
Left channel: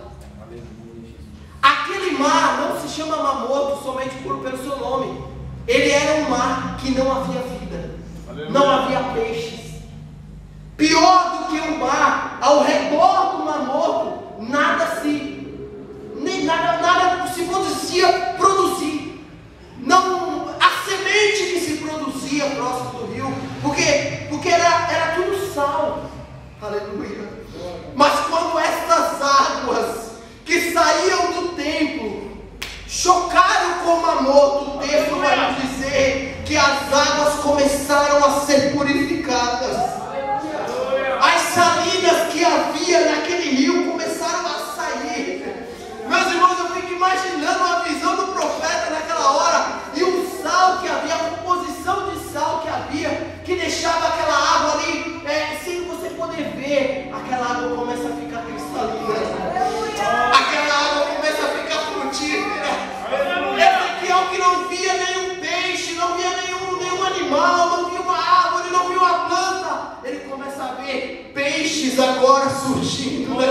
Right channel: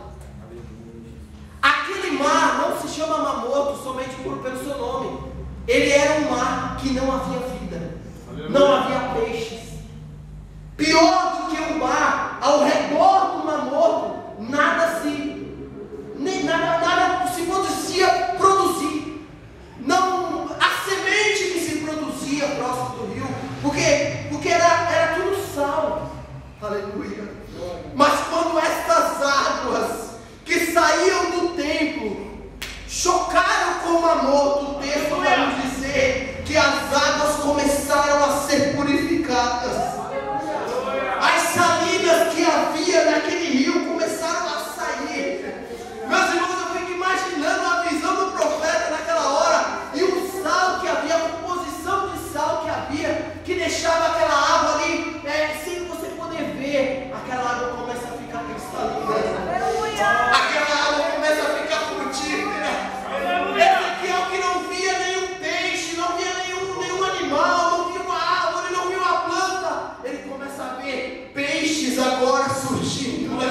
Aquele mar não se chama Mar Morto somente pelo seu nome. Ele era um mar que não havia vida, não havia peixes. Pior do que um mar, ao redor do Mar Morto, nada se podia produzir. Não, a semente que se produzia próximo do rio, porque era tudo sal. Aleluia. Mas quando essas águas que saíam do templo chocaram com o Mar Morto, o texto vai nos dizer que as águas começaram a ser purificadas. As salinas que havia naquele rio começaram a sair. Meus irmãos, eu fico imaginando a visão do profeta naquela hora, e o sal que havia, a composição de sal que havia, que deixava aquela água ali, sem você poder ver, aquela água começa a ficar cristalina, aquela água começa a ficar frutífera. Ezequiel, que não via nenhum peixe, não via nenhum animal, não via uma árvore, não via uma planta, ele começa a ver peixes agora surgindo.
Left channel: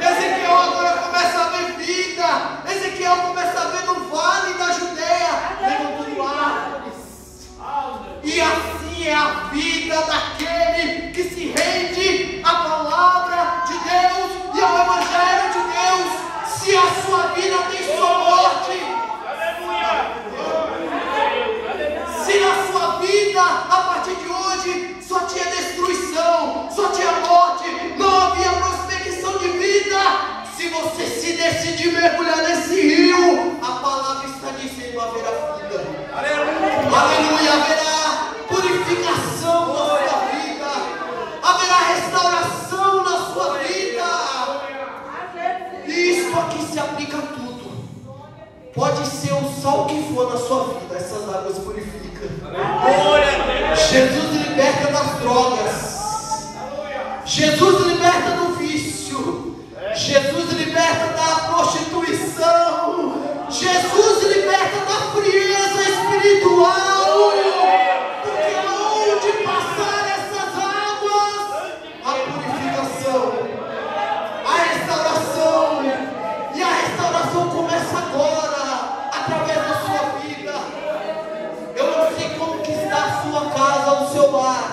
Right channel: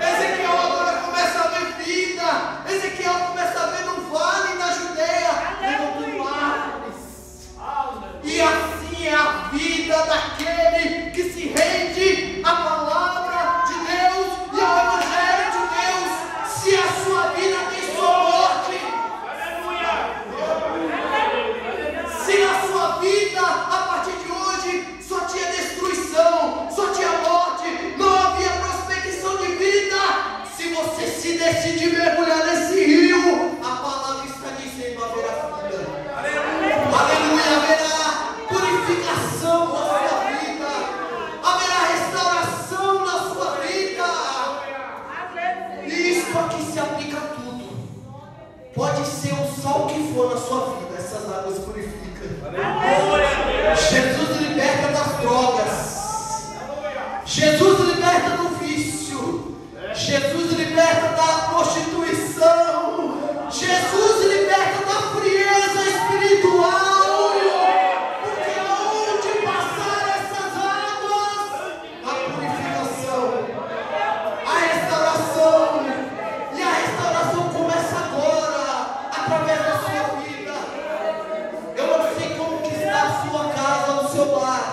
Ezequiel agora começa a ver vida. Ezequiel começa a ver no vale da Judeia levantando árvores. E assim é a vida daquele que se rende à palavra de Deus e ao Evangelho de Deus. Se a sua vida tem sua morte, se na sua vida, a partir de hoje, só tinha destruição, só tinha morte, não havia prospecção de vida, se você se decidir mergulhar nesse rio, a palavra está dizendo: haverá vida. Aleluia. Haverá purificação na sua vida, haverá restauração na sua vida. E isso aqui se aplica a tudo. Pode ser o sal que for na sua vida, essas águas purificam. Jesus liberta das drogas, Jesus liberta do vício, Jesus liberta da prostituição, Jesus liberta da frieza espiritual. Porque onde passar essas águas, a purificação, a restauração, e a restauração começa agora, através da sua vida. Eu não sei como que está a sua casa, o seu lar.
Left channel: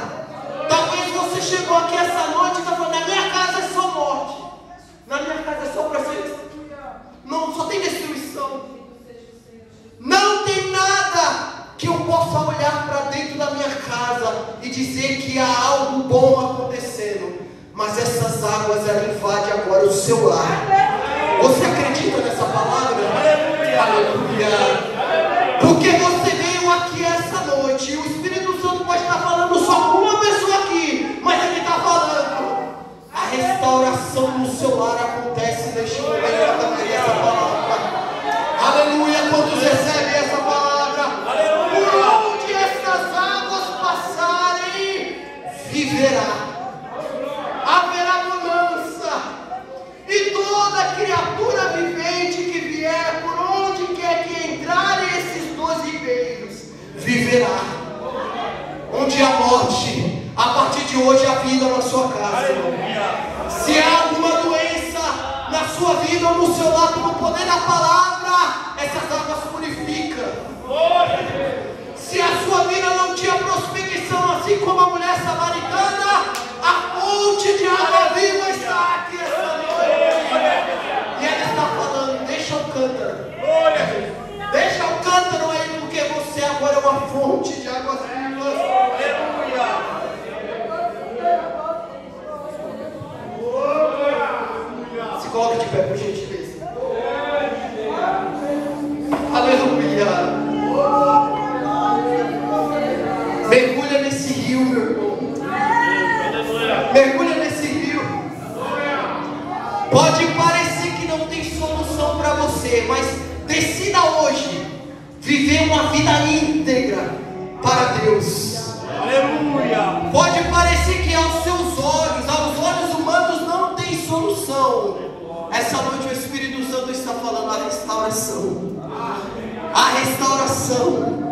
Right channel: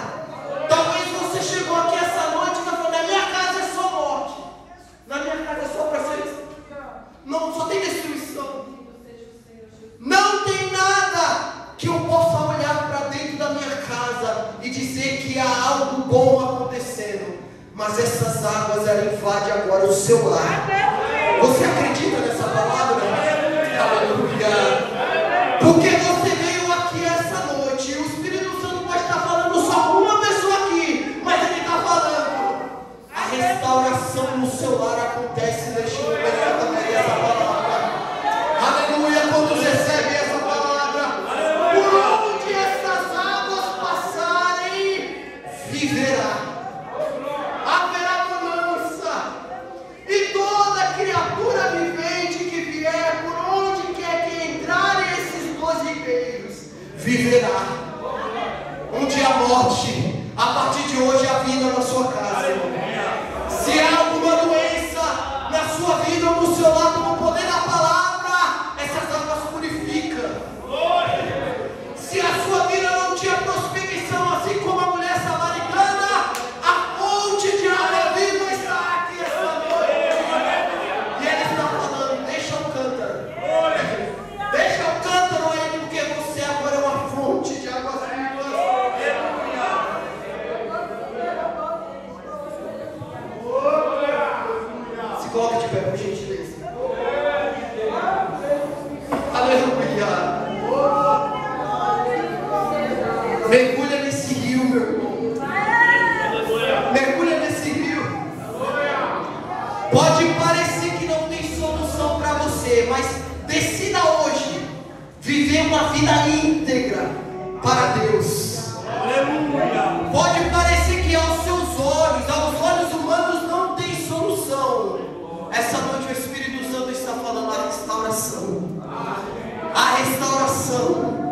Talvez você chegou aqui essa noite e está falando: na minha casa é só morte, na minha casa é só presença, não, só tem destruição, não tem nada que eu possa olhar para dentro da minha casa e dizer que há algo bom acontecendo. Mas essas águas, ela invade agora o seu lar. Você acredita nessa palavra? Aleluia. Porque você veio aqui essa noite, e o Espírito Santo pode estar falando só com uma pessoa aqui, mas ele está falando. A restauração no seu lar acontece. Deixa eu ver essa palavra. Aleluia. Quantos recebem essa palavra? Por onde essas águas passarem, viverá. Haverá bonança. E toda criatura vivente que vier, por onde quer que entrarem esses 12 ribeiros, viverá. Onde há morte, a partir de hoje há vida na sua casa. Se há alguma doença na sua vida ou no seu lar, pelo poder da palavra, essas águas purificam. Se a sua vida não tinha prospecção, assim como a mulher samaritana, a fonte de água viva está aqui essa noite. E ela está falando: deixa o cântaro. Deixa o cântaro aí, porque você agora é uma fonte de águas vivas. Se coloque de pé, por gentileza. Aleluia. Mergulha nesse rio, meu irmão. Mergulha nesse rio. Pode parecer que não tem solução para você, mas decida hoje viver uma vida íntegra, para Deus. Aleluia. Pode parecer que aos seus olhos, aos olhos humanos, não tem solução. Essa noite o Espírito Santo está falando a restauração. A restauração.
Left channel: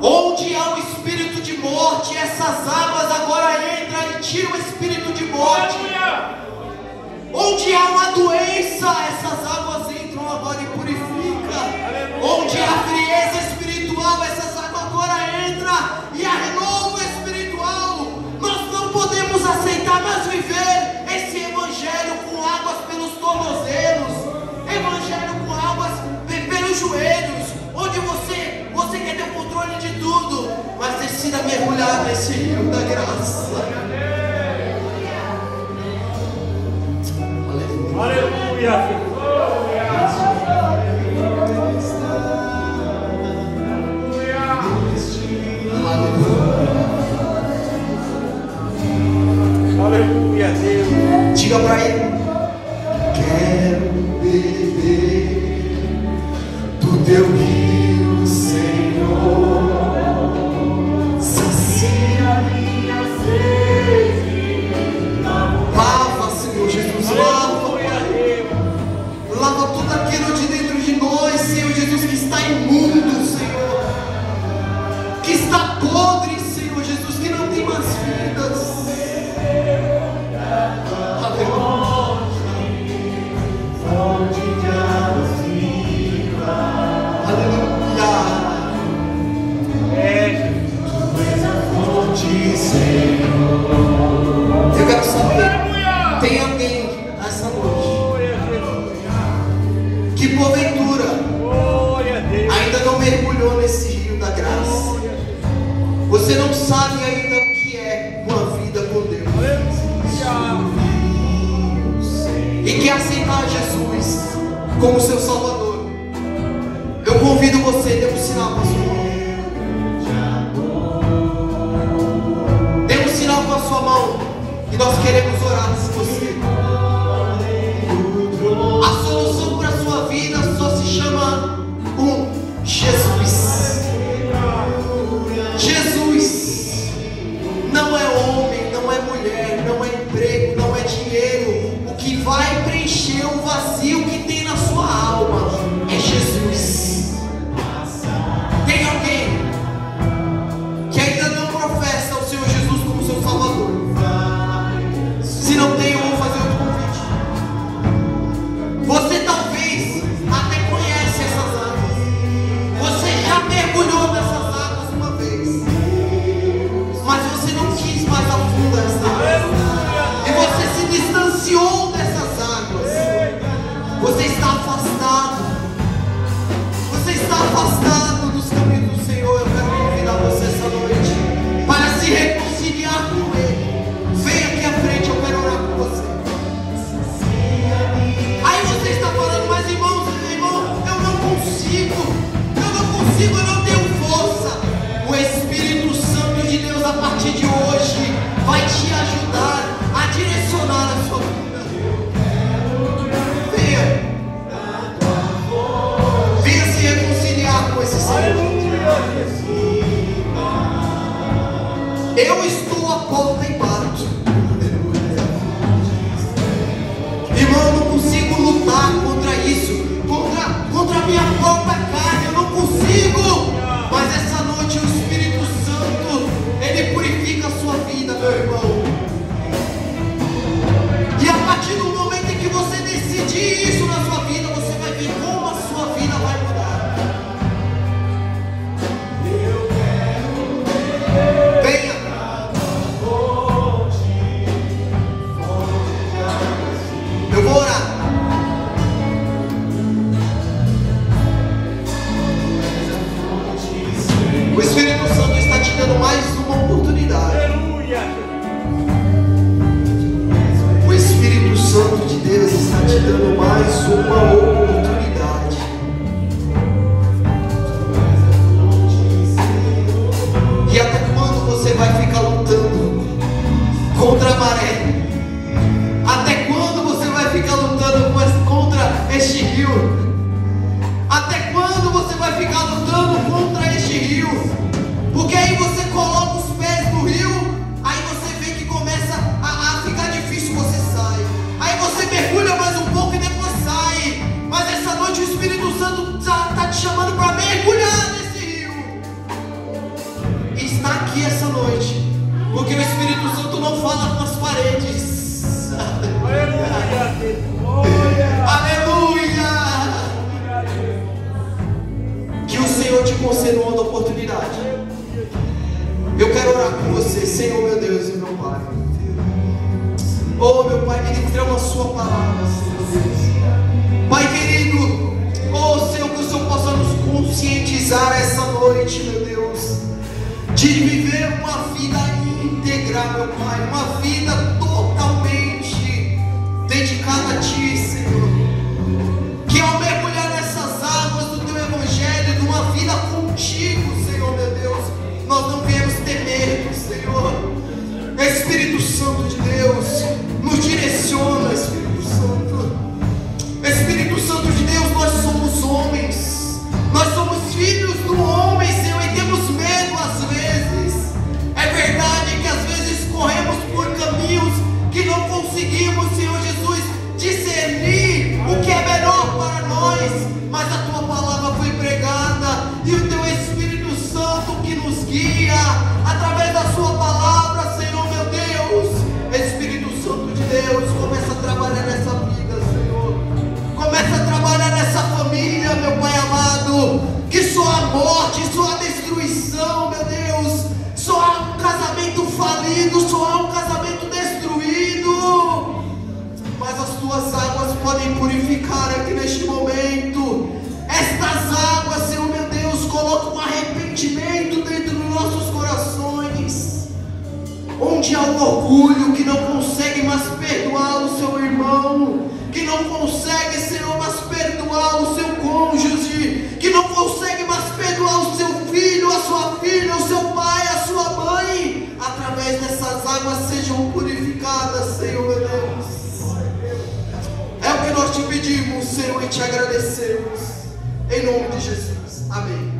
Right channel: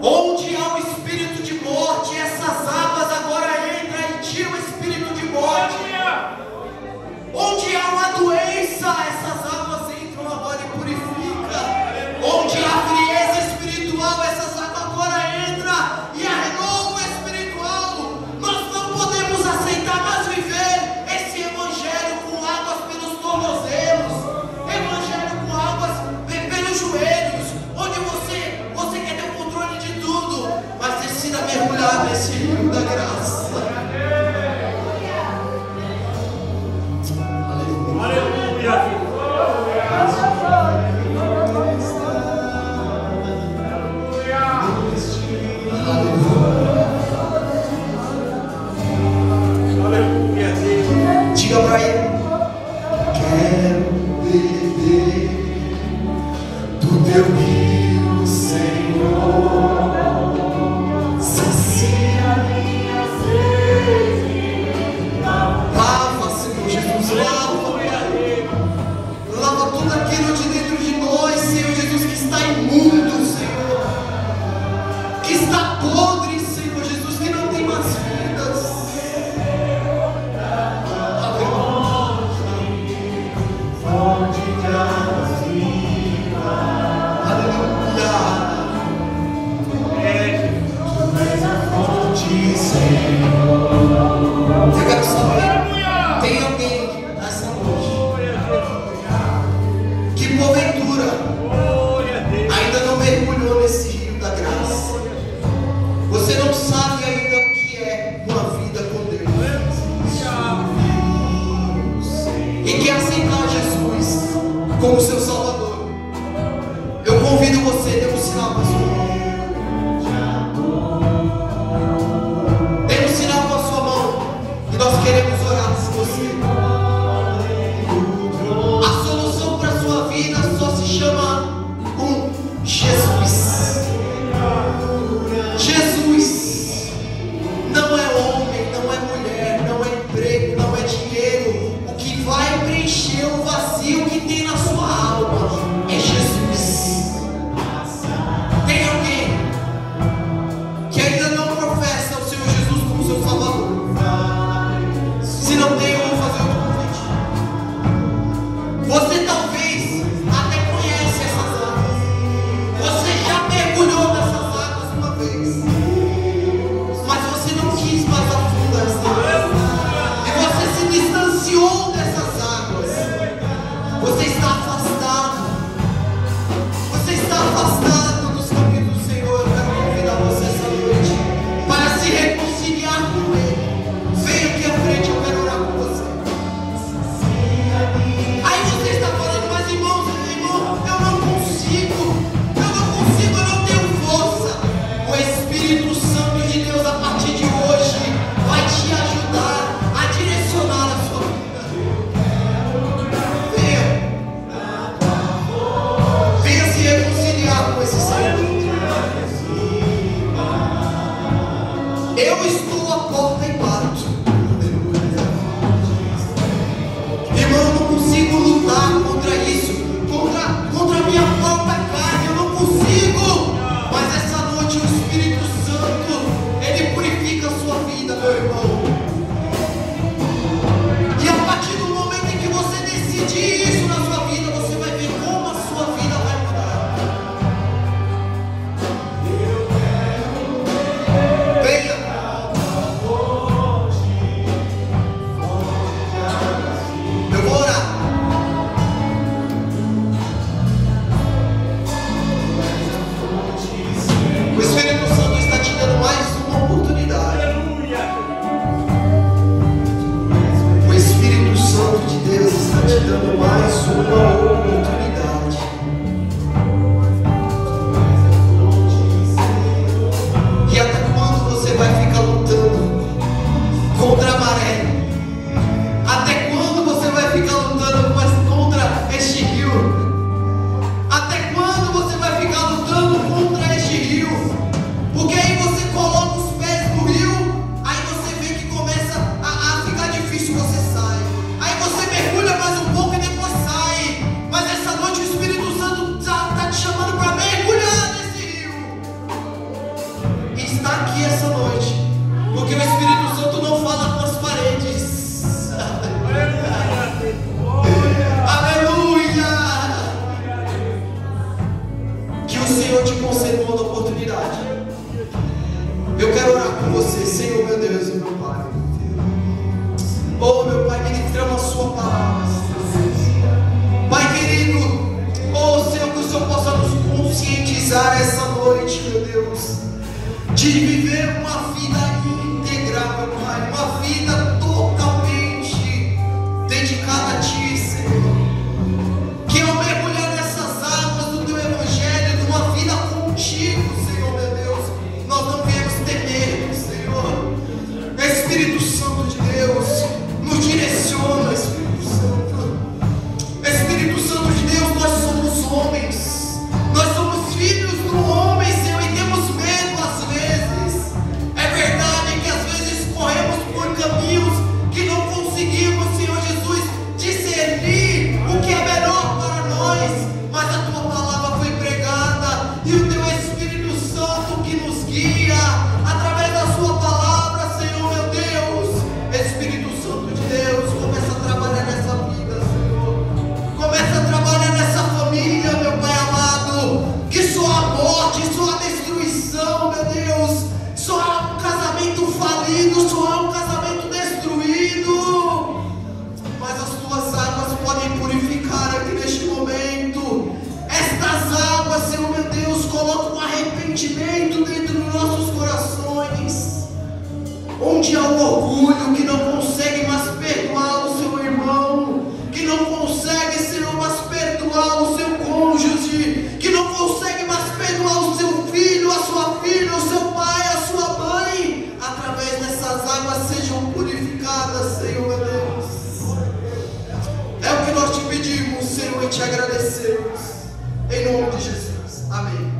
Onde há o espírito de morte, essas águas agora entram e tiram o espírito de morte. Onde há uma doença, essas águas entram agora e purificam. Onde há frieza espiritual, essas águas agora entram e há renovo espiritual. Nós não podemos aceitar mais viver esse evangelho com águas pelos tornozelos, evangelho com águas pelos joelhos, onde você quer ter o controle de tudo, mas decida mergulhar nesse rio da graça. Aleluia. Aleluia, Deus. Diga para ele: quero beber do teu rio, Senhor. Sacia minha sede. Lava, Senhor Jesus, lava. Lava tudo aquilo de dentro de nós, Senhor Jesus, que está imundo, Senhor. Que está podre, Senhor Jesus, que não tem mais vidas. Eu quero saber, tem alguém nessa noite que porventura ainda não mergulhou nesse rio da graça? Você não sabe ainda o que é uma vida com Deus e quer aceitar Jesus como seu Salvador. Eu convido você, dê um sinal para a sua mão. Dê um sinal com a sua mão e nós queremos orar por você. A solução para a sua vida só se chama Jesus. Jesus não é homem, não é mulher, não é emprego, não é dinheiro. O que vai preencher o vazio que tem na sua alma é Jesus. Tem alguém que ainda não professa o Senhor Jesus como seu Salvador? Se não tem, eu vou fazer outro convite. Você talvez até conhece essas águas. Você já mergulhou nessas águas uma vez, mas você não quis mais afundar essas águas. E você se distanciou dessas águas. Você está afastado. Você está afastado dos caminhos do Senhor. Eu quero convidar você essa noite para se reconciliar com Ele. Venha aqui à frente, eu quero orar com você. Aí você está falando, mas irmão, eu não consigo, eu não tenho força. O Espírito Santo de Deus, a partir de hoje, vai te ajudar a direcionar a sua vida. Venha se reconciliar com esse Senhor. Eu estou à porta e bato. Irmão, eu não consigo lutar contra isso, contra a minha própria carne, eu não consigo. Mas essa noite o Espírito Santo, ele purifica a sua vida, meu irmão. E a partir do momento em que você decidir isso na sua vida, você vai ver como a sua vida vai mudar. Venha. Eu vou orar. O Espírito Santo está te dando mais uma oportunidade. O Espírito Santo de Deus está te dando mais uma oportunidade. E até quando você vai ficar lutando contra a maré? Até quando você vai ficar lutando contra este rio? Até quando você vai ficar lutando contra este rio? está aqui essa noite, porque o Espírito Santo não fala com as paredes. Aleluia! Que o Senhor te conceda uma oportunidade. Eu quero orar com você, Senhor, meu Deus e meu Pai. Oh, meu Pai, ministrando a sua palavra, Pai querido, oh Senhor, que o Senhor possa nos conscientizar essa noite, meu Deus, de viver uma vida integral, meu Pai, uma vida totalmente dedicada a Ti, Senhor. Que ao mergulhar nessas águas do Teu Evangelho, de uma vida contigo, Senhor, meu Deus, nós não viemos ter medo, Senhor. Espírito Santo de Deus, nos direciona, Espírito Santo. Espírito Santo de Deus, nós somos homens, nós somos filhos do homem, Senhor, e temos medo às vezes. É verdade que às vezes corremos por caminhos que não conseguimos, Senhor Jesus, discernir o que é melhor para nós, mas a Tua palavra foi pregada e o Teu Espírito Santo que nos guia através da Sua palavra, Senhor, meu Deus. Espírito Santo de Deus, começa a trabalhar nessa vida, Senhor. Começa a trabalhar nessa família, meu Pai amado. Que só a morte, só a destruição, meu Deus. Só há um casamento falido, só há um casamento destruído. Mas as Tuas águas podem purificar aqui neste momento. Estas águas, Senhor, meu Deus, colocam arrependimento dentro dos nossos corações. Onde há um orgulho que não consegue mais perdoar o seu irmão, que não consegue, Senhor, mais perdoar o seu cônjuge, que não consegue mais perdoar o seu filho, a sua filha, o seu pai, a sua mãe, através dessas águas sejam purificadas, Senhor, meu Deus. É o que nós te pedimos, Senhor, e te agradecemos, em nome de Jesus, amém.